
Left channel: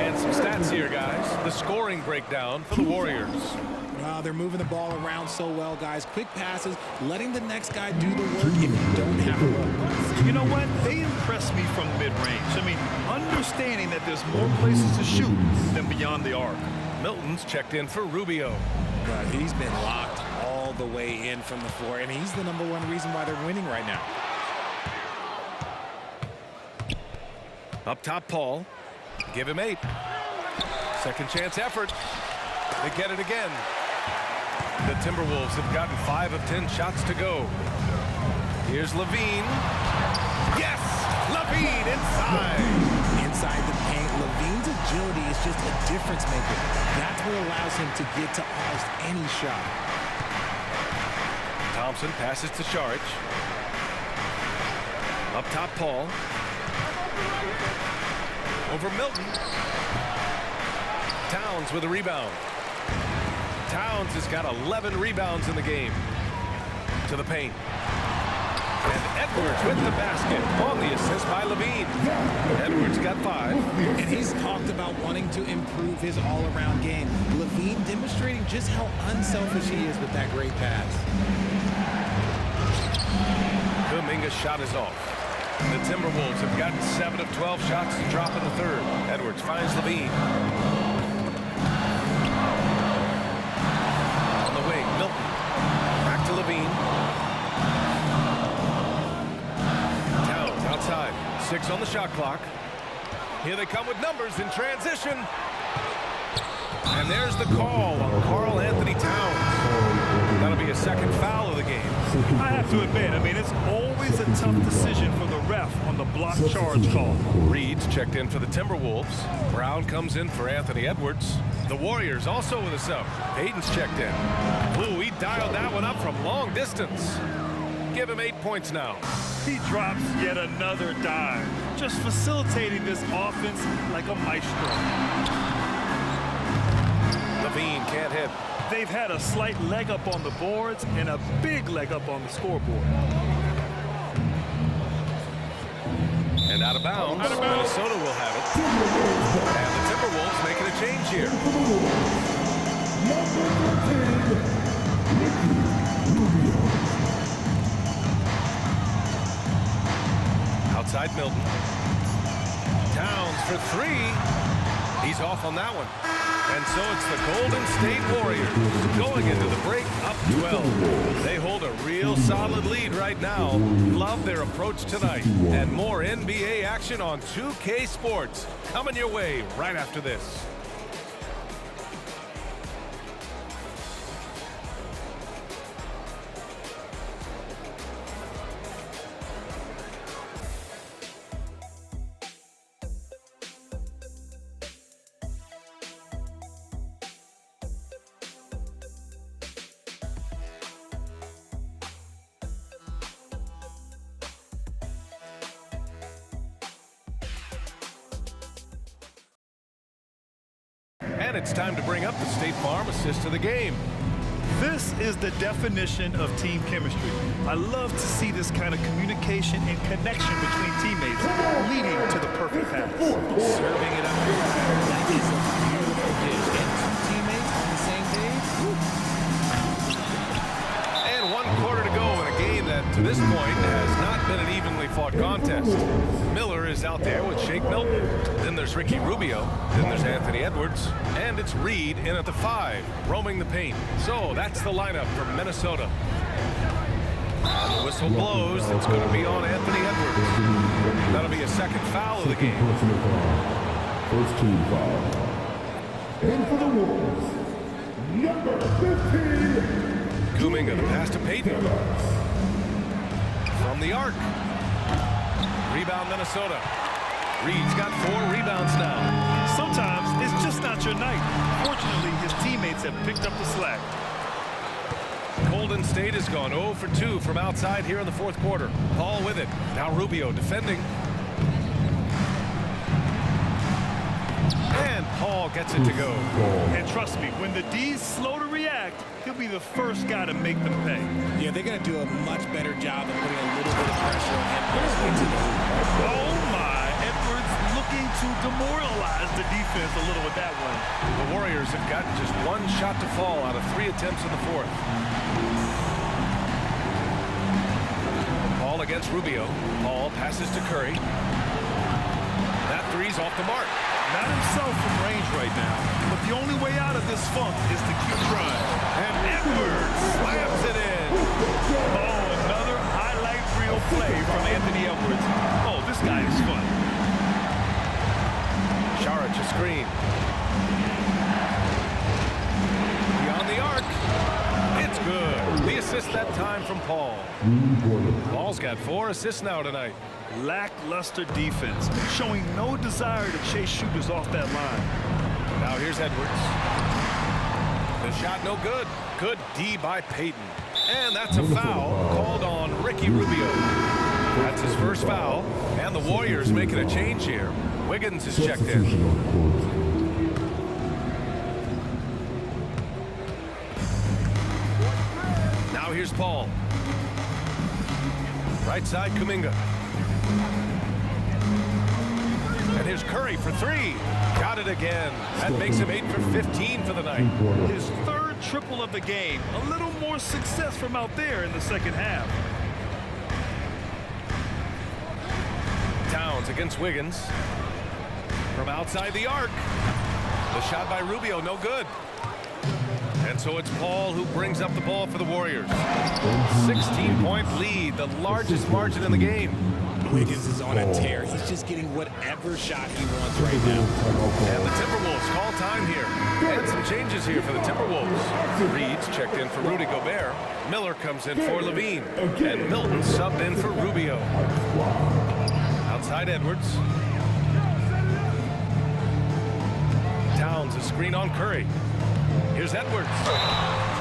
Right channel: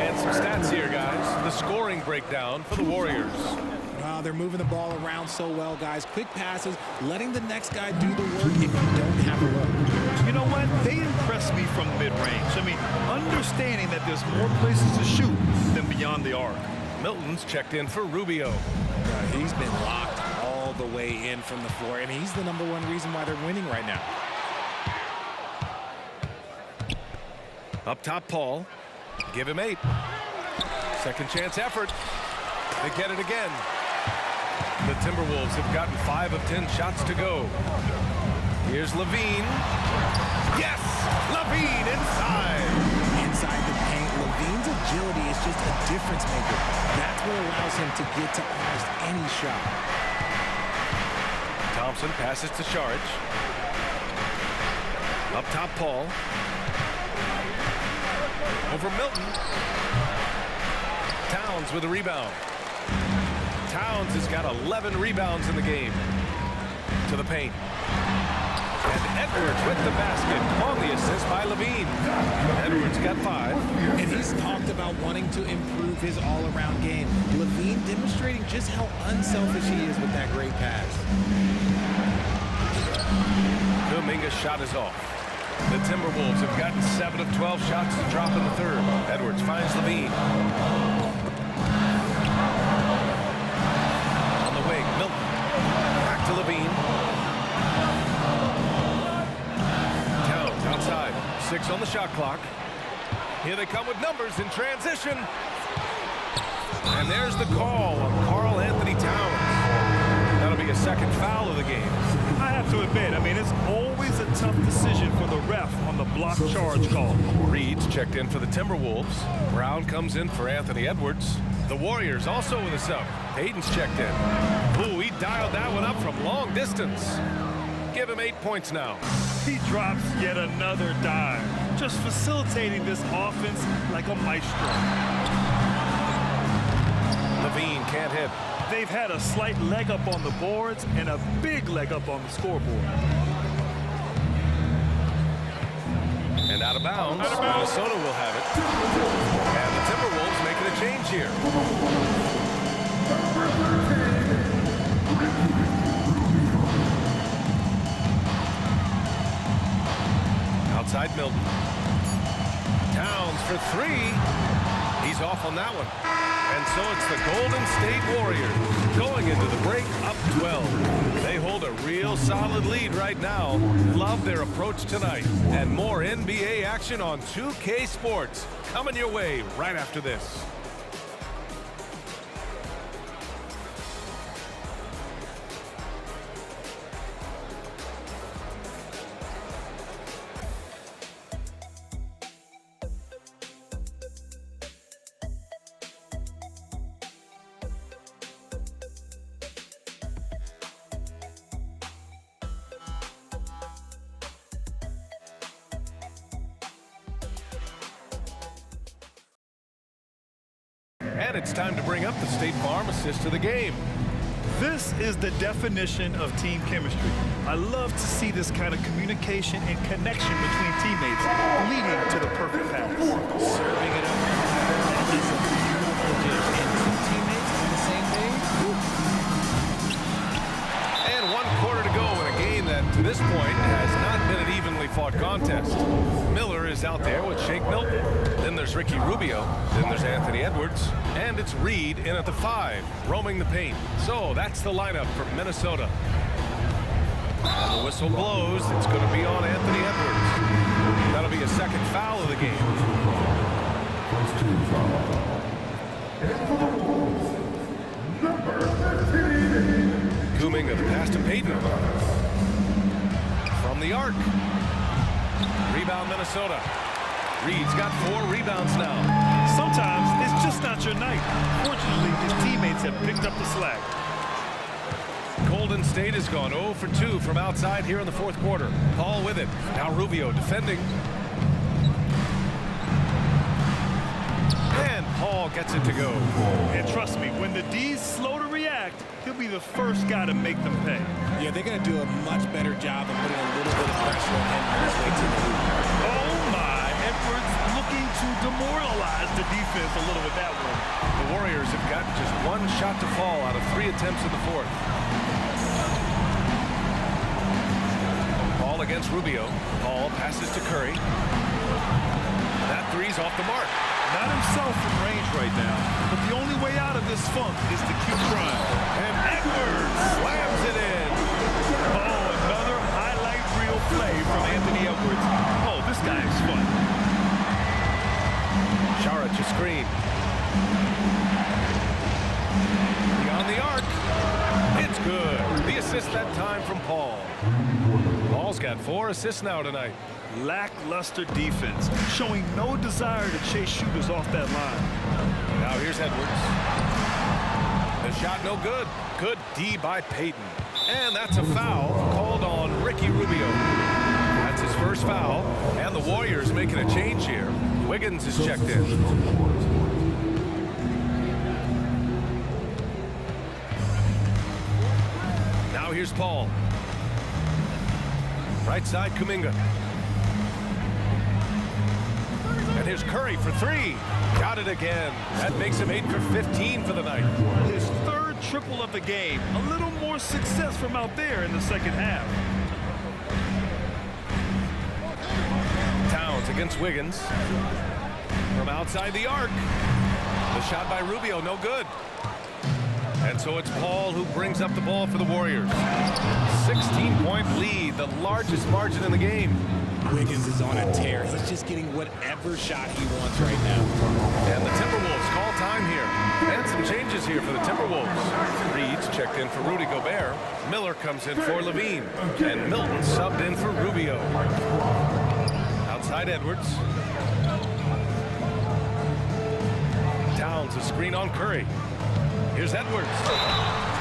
And some stats here, guys. The scoring breakdown for the Warriors. Wow, they're moving the ball around so well, guys. Quick passes, letting the next guy do the work if you don't have a look. You know what? They impress me from mid-range. I mean, understanding that there's more places to shoot than beyond the arc. Milton's checked in for Rubio. He's been locked all the way in from the floor, and he's the #1 reason why they're winning right now. Up top, Paul. Give him 8. Second chance effort. They get it again. The Timberwolves have gotten 5 of 10 shots to go. Here's Levine. Yes! Levine inside. Inside the paint, Levine's agility is just a difference maker. That's what allows him to get to almost any shot. Thompson passes to Šarić. Up top, Paul. Over Milton. Towns with a rebound. Towns has got 11 rebounds in the game. To the paint. And Edwards with the basket on the assist by Levine. Edwards got 5. And he's talked about wanting to improve his all-around game. Levine demonstrating just how unselfish he is with that great pass. Kuminga's shot is off. The Timberwolves have gotten 7 of 12 shots to drop in the third. Edwards finds Levine. On the wing, Milton. Back to Levine. Towns outside. 6 on the shot clock. Here they come with numbers in transition. And there's the call on Karl Anthony Towns. That'll be a second foul of the game. I have to admit, I mean, it's always a tough decision for the ref on the block charge call. Reed's checked in for the Timberwolves. Brown comes in for Anthony Edwards. The Warriors also with a sub. Payton's checked in. Ooh, he dialed that one up from long distance. Give him 8 points now. He drops yet another dime, just facilitating this offense like a maestro. Levine can't hit. They've had a slight leg up on the boards and a big leg up on the scoreboard. And out of bounds, Minnesota will have it. And the Timberwolves making a change here. Number 13, Ricky Rubio. Outside Milton. Towns for 3. He's off on that one. And so it's the Golden State Warriors going into the break up 12. They hold a real solid lead right now. Love their approach tonight. And more NBA action on 2K Sports coming your way right after this. And it's time to bring up the State Farm assist of the game. This is the definition of team chemistry. I love to see this kind of communication and connection between teammates leading to the perfect pass. Serving it up your platter, that is a beautiful dish. And two teammates on the same page. Woo. And 1 quarter to go in a game that, to this point, has not been an evenly fought contest. Miller is out there with Shake Milton. Then there's Ricky Rubio. Then there's Anthony Edwards. And it's Reed in at the 5, roaming the paint. So that's the lineup for Minnesota. And the whistle blows. It's going to be on Anthony Edwards. That'll be a second foul of the game. Personal foul. First team foul. And for the Wolves, number 15. Kuminga, the pass to Payton. From the arc. Rebound Minnesota. Reed's got 4 rebounds now. Sometimes it's just not your night. Fortunately, his teammates have picked up the slack. Golden State has gone 0 for 2 from outside here in the 4th quarter. Paul with it. Now Rubio defending. And Paul gets it to go. And trust me, when the D's slow to react, he'll be the first guy to make them pay. Yeah, they're going to do a much better job of putting a little bit of pressure on him on his way to the hoop. Oh my, Edwards looking to demoralize the defense a little with that one. The Warriors have gotten just 1 shot to fall out of 3 attempts in the 4th. Paul against Rubio. Paul passes to Curry. That 3's off the mark. Not himself from range right now, but the only way out of this funk is to keep trying. And Edwards slams it in. Oh, another highlight reel play from Anthony Edwards. Oh, this guy is fun. Saric a screen. Beyond the arc. It's good. The assist that time from Paul. Paul's got 4 assists now tonight. Lackluster defense, showing no desire to chase shooters off that line. Now here's Edwards. The shot no good. Good D by Payton. And that's a foul called on Ricky Rubio. That's his first foul. And the Warriors making a change here. Wiggins is checked in. Now here's Paul. Right side, Kuminga. And here's Curry for 3. Got it again. That makes him 8 for 15 for the night. His 3rd triple of the game. A little more success from out there in the 2nd half. Towns against Wiggins. From outside the arc. The shot by Rubio, no good. And so it's Paul who brings up the ball for the Warriors. 16-point lead, the largest margin in the game. Wiggins is on a tear. He's just getting whatever shot he wants right now. And the Timberwolves call time here. And some changes here for the Timberwolves. Reed's checked in for Rudy Gobert. Miller comes in for Levine. And Milton subbed in for Rubio. Outside Edwards. Towns a screen on Curry. Here's Edwards.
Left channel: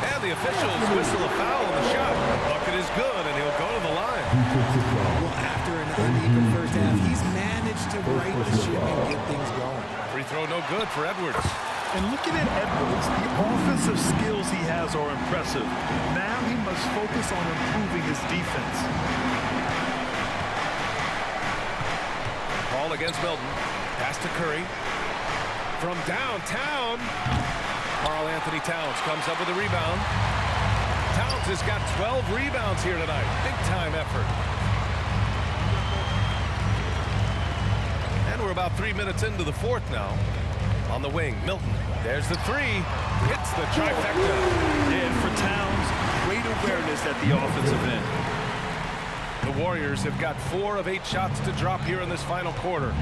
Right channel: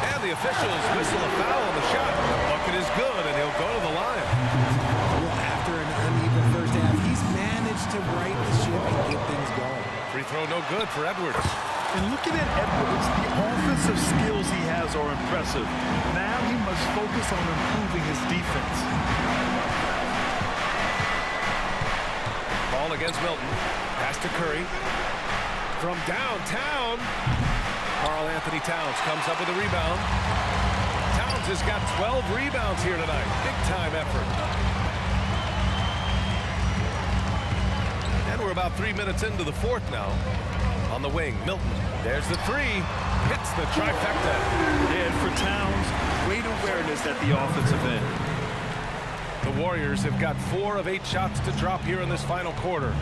And the officials whistle a foul on the shot. The bucket is good, and he'll go to the line. Well, after an uneven first half, he's managed to right the ship and get things going. Free throw no good for Edwards. And looking at Edwards, the offensive skills he has are impressive. Now he must focus on improving his defense. Ball against Milton. Pass to Curry. From downtown. Karl Anthony Towns comes up with a rebound. Towns has got 12 rebounds here tonight. Big time effort. And we're about 3 minutes into the 4th now. On the wing, Milton. There's the 3. Hits the trifecta. And for Towns, great awareness at the offensive end. The Warriors have got 4 of 8 shots to drop here in this final quarter.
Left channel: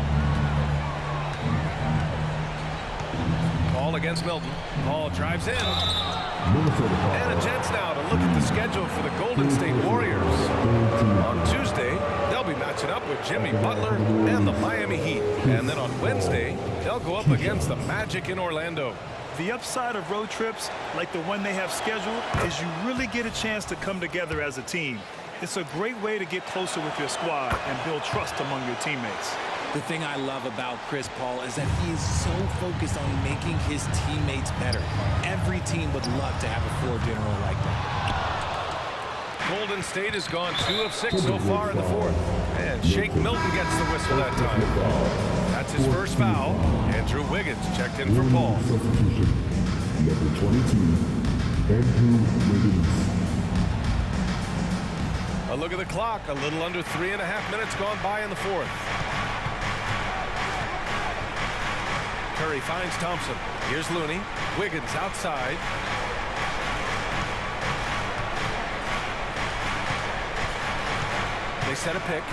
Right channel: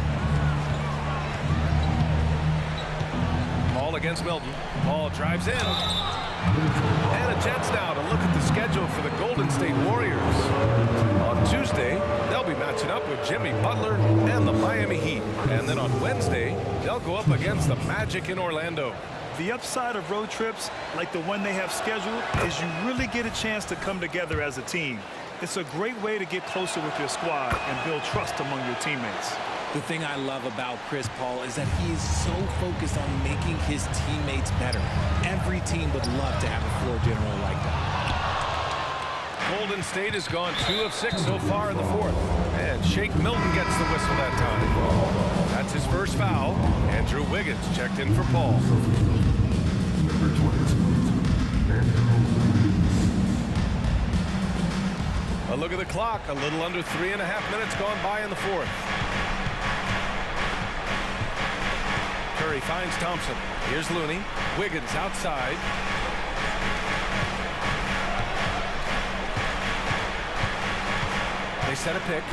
Paul against Milton. Paul drives in. And a chance now to look at the schedule for the Golden State Warriors. On Tuesday, they'll be matching up with Jimmy Butler and the Miami Heat. And then on Wednesday, they'll go up against the Magic in Orlando. The upside of road trips, like the one they have scheduled, is you really get a chance to come together as a team. It's a great way to get closer with your squad and build trust among your teammates. The thing I love about Chris Paul is that he is so focused on making his teammates better. Every team would love to have a floor general like that. Golden State has gone 2 of 6 so far in the fourth. And Shake Milton gets the whistle that time. That's his first foul. Andrew Wiggins checked in for Paul. Substitution. Number 22, Andrew Wiggins. A look at the clock. A little under 3.5 minutes gone by in the fourth. Curry finds Thompson. Here's Looney. Wiggins outside. They set a pick.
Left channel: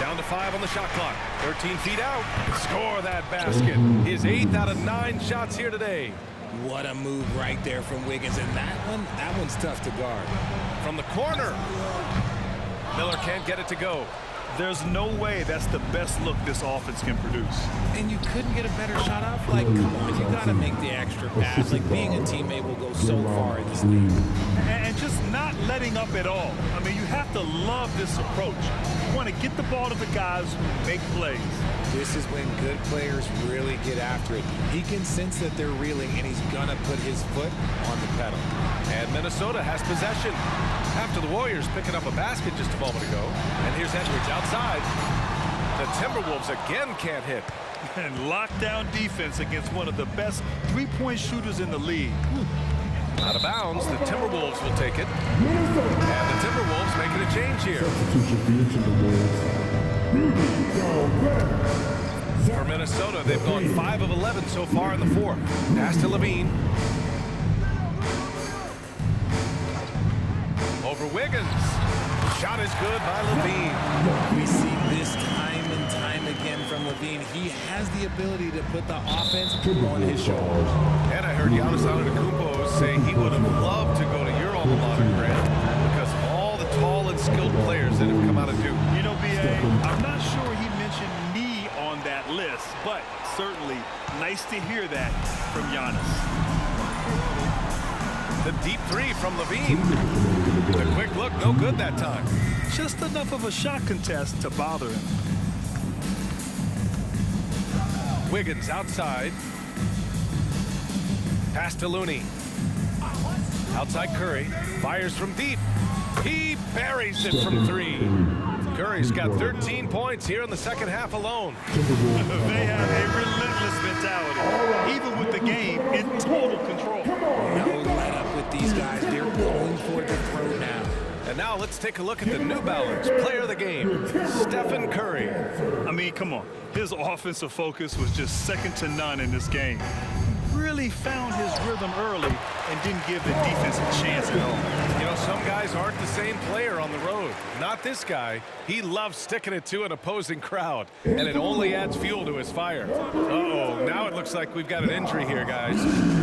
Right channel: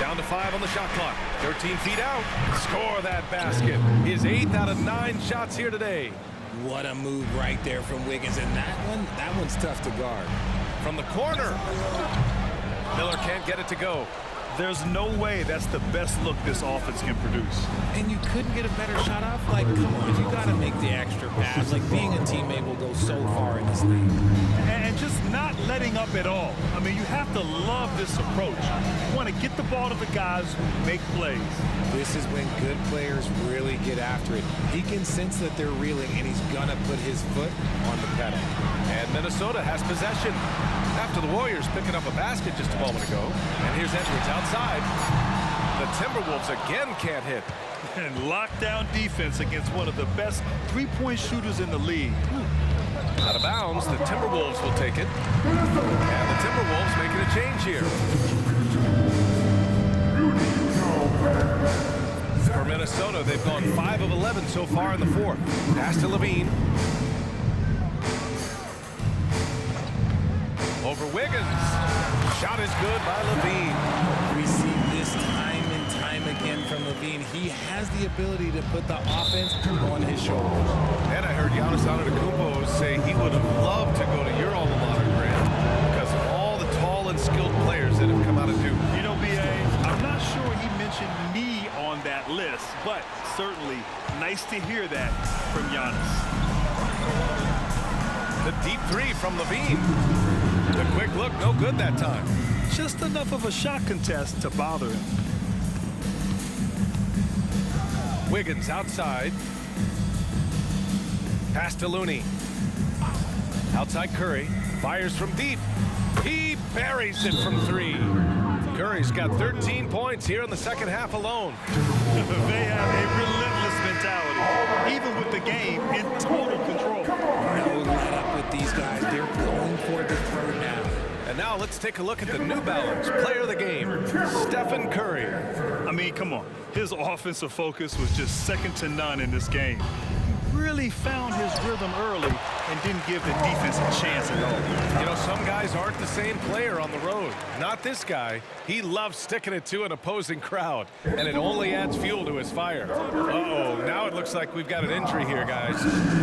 Down to 5 on the shot clock. 13 feet out. Score that basket. His 8th out of 9 shots here today. What a move right there from Wiggins. And that one's tough to guard. From the corner. Miller can't get it to go. There's no way that's the best look this offense can produce. And you couldn't get a better shot off? Like, come on, you got to make the extra pass. Like, being a teammate will go so far in this league. And just not letting up at all. I mean, you have to love this approach. You want to get the ball to the guys who make plays. This is when good players really get after it. He can sense that they're reeling, and he's going to put his foot on the pedal. And Minnesota has possession. After the Warriors picking up a basket just a moment ago. And here's Edwards outside. The Timberwolves again can't hit. And lockdown defense against one of the best three-point shooters in the league. Out of bounds, the Timberwolves will take it. And the Timberwolves making a change here. For Minnesota, they've gone 5 of 11 so far in the fourth. Pass to Levine. Over Wiggins. Shot is good by Levine. We see this time and time again from Levine. He has the ability to put the offense on his shoulders. And I heard Giannis Antetokounmpo say he would have loved to go to your alma mater, Grant, because of all the tall and skilled players that have come out of Duke. You know, B.A., I'm not sure he mentioned me on that list, but certainly nice to hear that from Giannis. The deep three from Levine. The quick look, no good that time. Just enough of a shot contest to bother him. Wiggins outside. Pass to Looney. Outside Curry. Fires from deep. He buries it from 3. Curry's got 13 points here in the second half alone. They have a relentless mentality, even with the game in total control. No let up with these guys. They're going for the throw now. And now let's take a look at the New Balance player of the game, Stephen Curry. I mean, come on. His offensive focus was just second to none in this game. He really found his rhythm early and didn't give the defense a chance at all. You know, some guys aren't the same player on the road. Not this guy. He loves sticking it to an opposing crowd, and it only adds fuel to his fire. Uh-oh, now it looks like we've got an injury here, guys.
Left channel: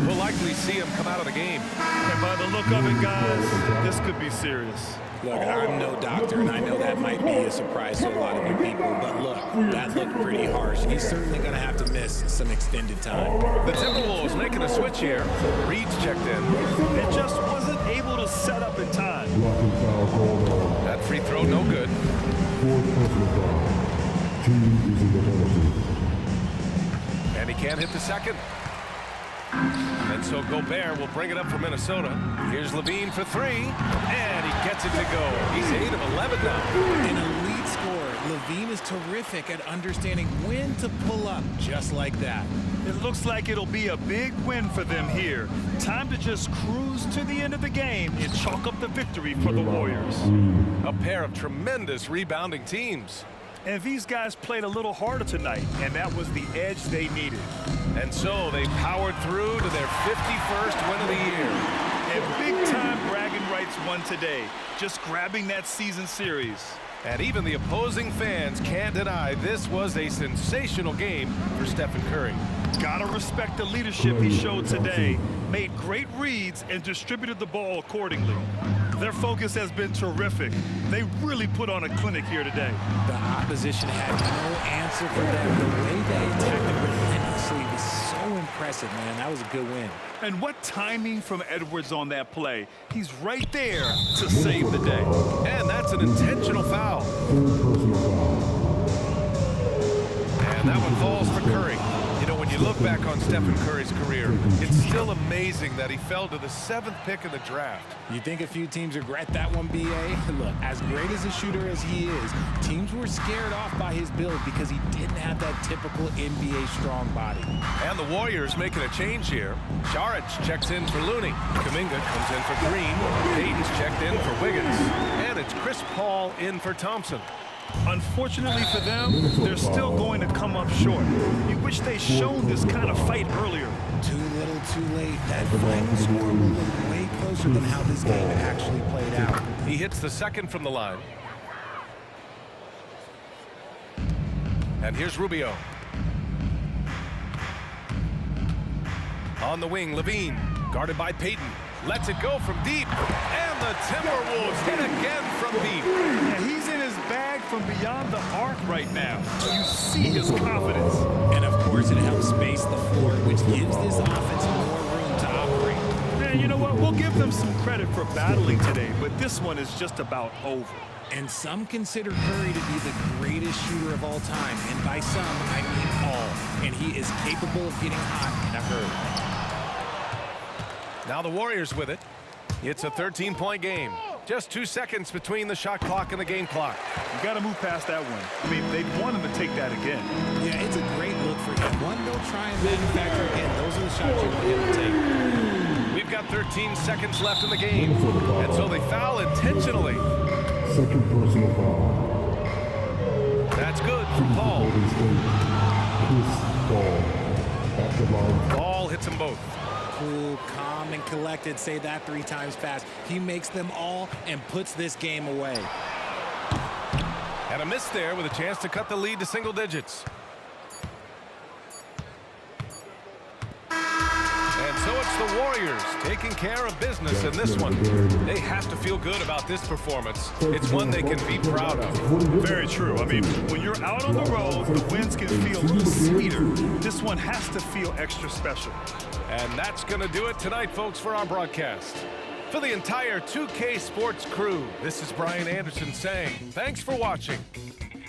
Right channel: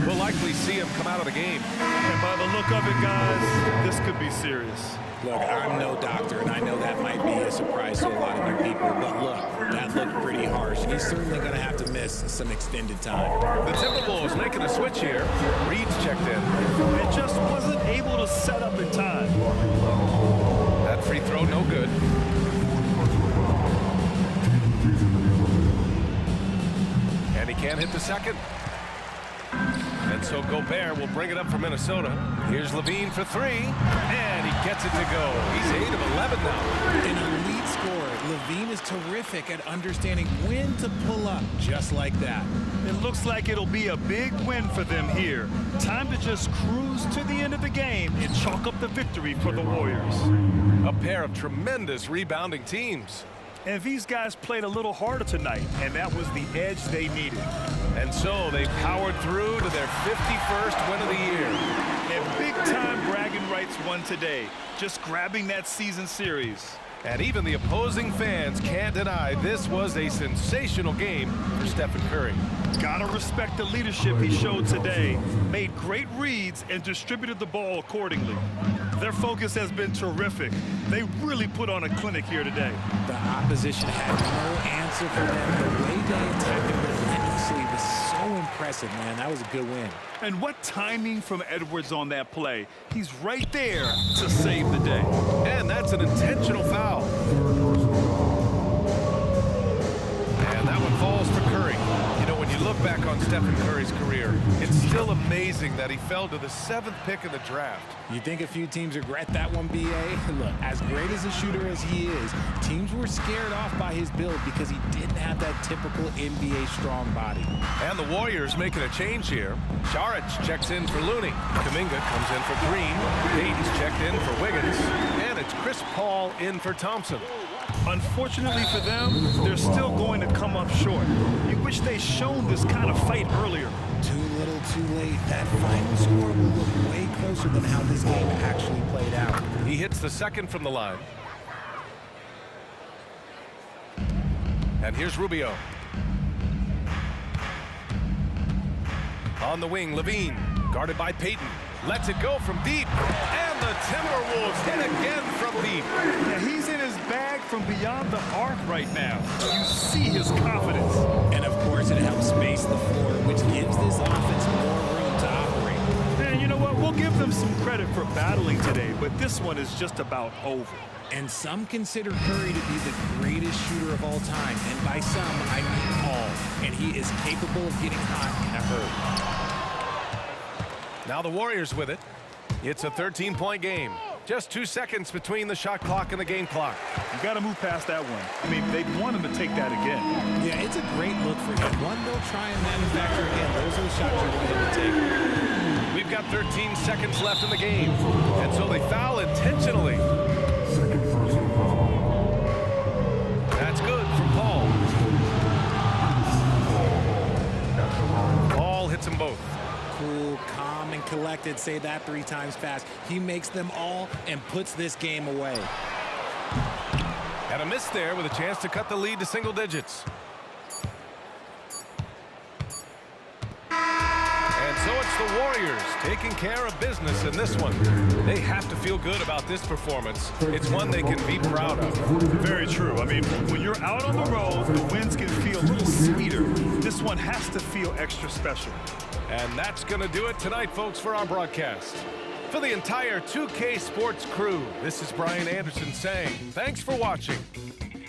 We'll likely see him come out of the game. And by the look of it, guys, this could be serious. Look, I'm no doctor, and I know that might be a surprise to a lot of you people, but look, that looked pretty harsh, and he's certainly going to have to miss some extended time. The Timberwolves making a switch here. Reed's checked in. And just wasn't able to set up in time. That free throw, no good. And he can't hit the second. And so Gobert will bring it up for Minnesota. Here's Levine for 3, and he gets it to go. He's 8 of 11 now. An elite scorer. Levine is terrific at understanding when to pull up just like that. It looks like it'll be a big win for them here. Time to just cruise to the end of the game and chalk up the victory for the Warriors. A pair of tremendous rebounding teams. And these guys played a little harder tonight, and that was the edge they needed. And so they powered through to their 51st win of the year. And big-time bragging rights won today, just grabbing that season series. And even the opposing fans can't deny this was a sensational game for Stephen Curry. Gotta respect the leadership he showed today. Made great reads and distributed the ball accordingly. Their focus has been terrific. They really put on a clinic here today. The opposition had no answer for them. The way they attacked them relentlessly was so impressive, man. That was a good win. And what timing from Edwards on that play. He's right there to save the day. And that's an intentional foul. And that one falls for Curry. You know, when you look back on Stephen Curry's career, it's still amazing that he fell to the 7th pick in the draft. You think a few teams regret that one, B.A.? Look, as great as a shooter as he is, teams were scared off by his build because he didn't have that typical NBA strong body. And the Warriors making a change here. Saric checks in for Looney. Kuminga comes in for Green. Payton's checked in for Wiggins. And it's Chris Paul in for Thompson. Unfortunately for them, they're still going to come up short. You wish they'd shown this kind of fight earlier. Too little, too late. That final score will look way closer than how this game actually played out. He hits the second from the line. And here's Rubio. On the wing, Levine, guarded by Payton. Lets it go from deep. And the Timberwolves hit again from deep. Yeah, he's in his bag from beyond the arc right now. You see his confidence. And of course, it helps space the floor, which gives this offense more room to operate. And you know what? We'll give them some credit for battling today, but this one is just about over. And some consider Curry to be the greatest shooter of all time. And by some, I mean all. And he is capable of getting hot in a hurry. Now the Warriors with it. It's a 13-point game. Just 2 seconds between the shot clock and the game clock. You got to move past that one. I mean, they'd want him to take that again. Yeah, it's a great look for him. One they'll try and manufacture again. Those are the shots you want him to take. We've got 13 seconds left in the game. And so they foul intentionally. Second personal foul. That's good from Paul. Chris Paul at the line. Paul hits them both. Cool, calm, and collected. Say that 3 times fast. He makes them all and puts this game away. And a miss there with a chance to cut the lead to single digits. And so it's the Warriors taking care of business in this one. They have to feel good about this performance. It's one they can be proud of. Very true. I mean, when you're out on the road, the wins can feel a little sweeter. This one has to feel extra special. And that's going to do it tonight, folks, for our broadcast. For the entire 2K Sports crew, this is Brian Anderson saying thanks for watching.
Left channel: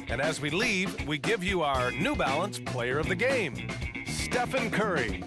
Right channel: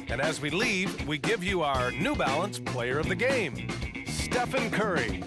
And as we leave, we give you our New Balance Player of the Game, Stephen Curry.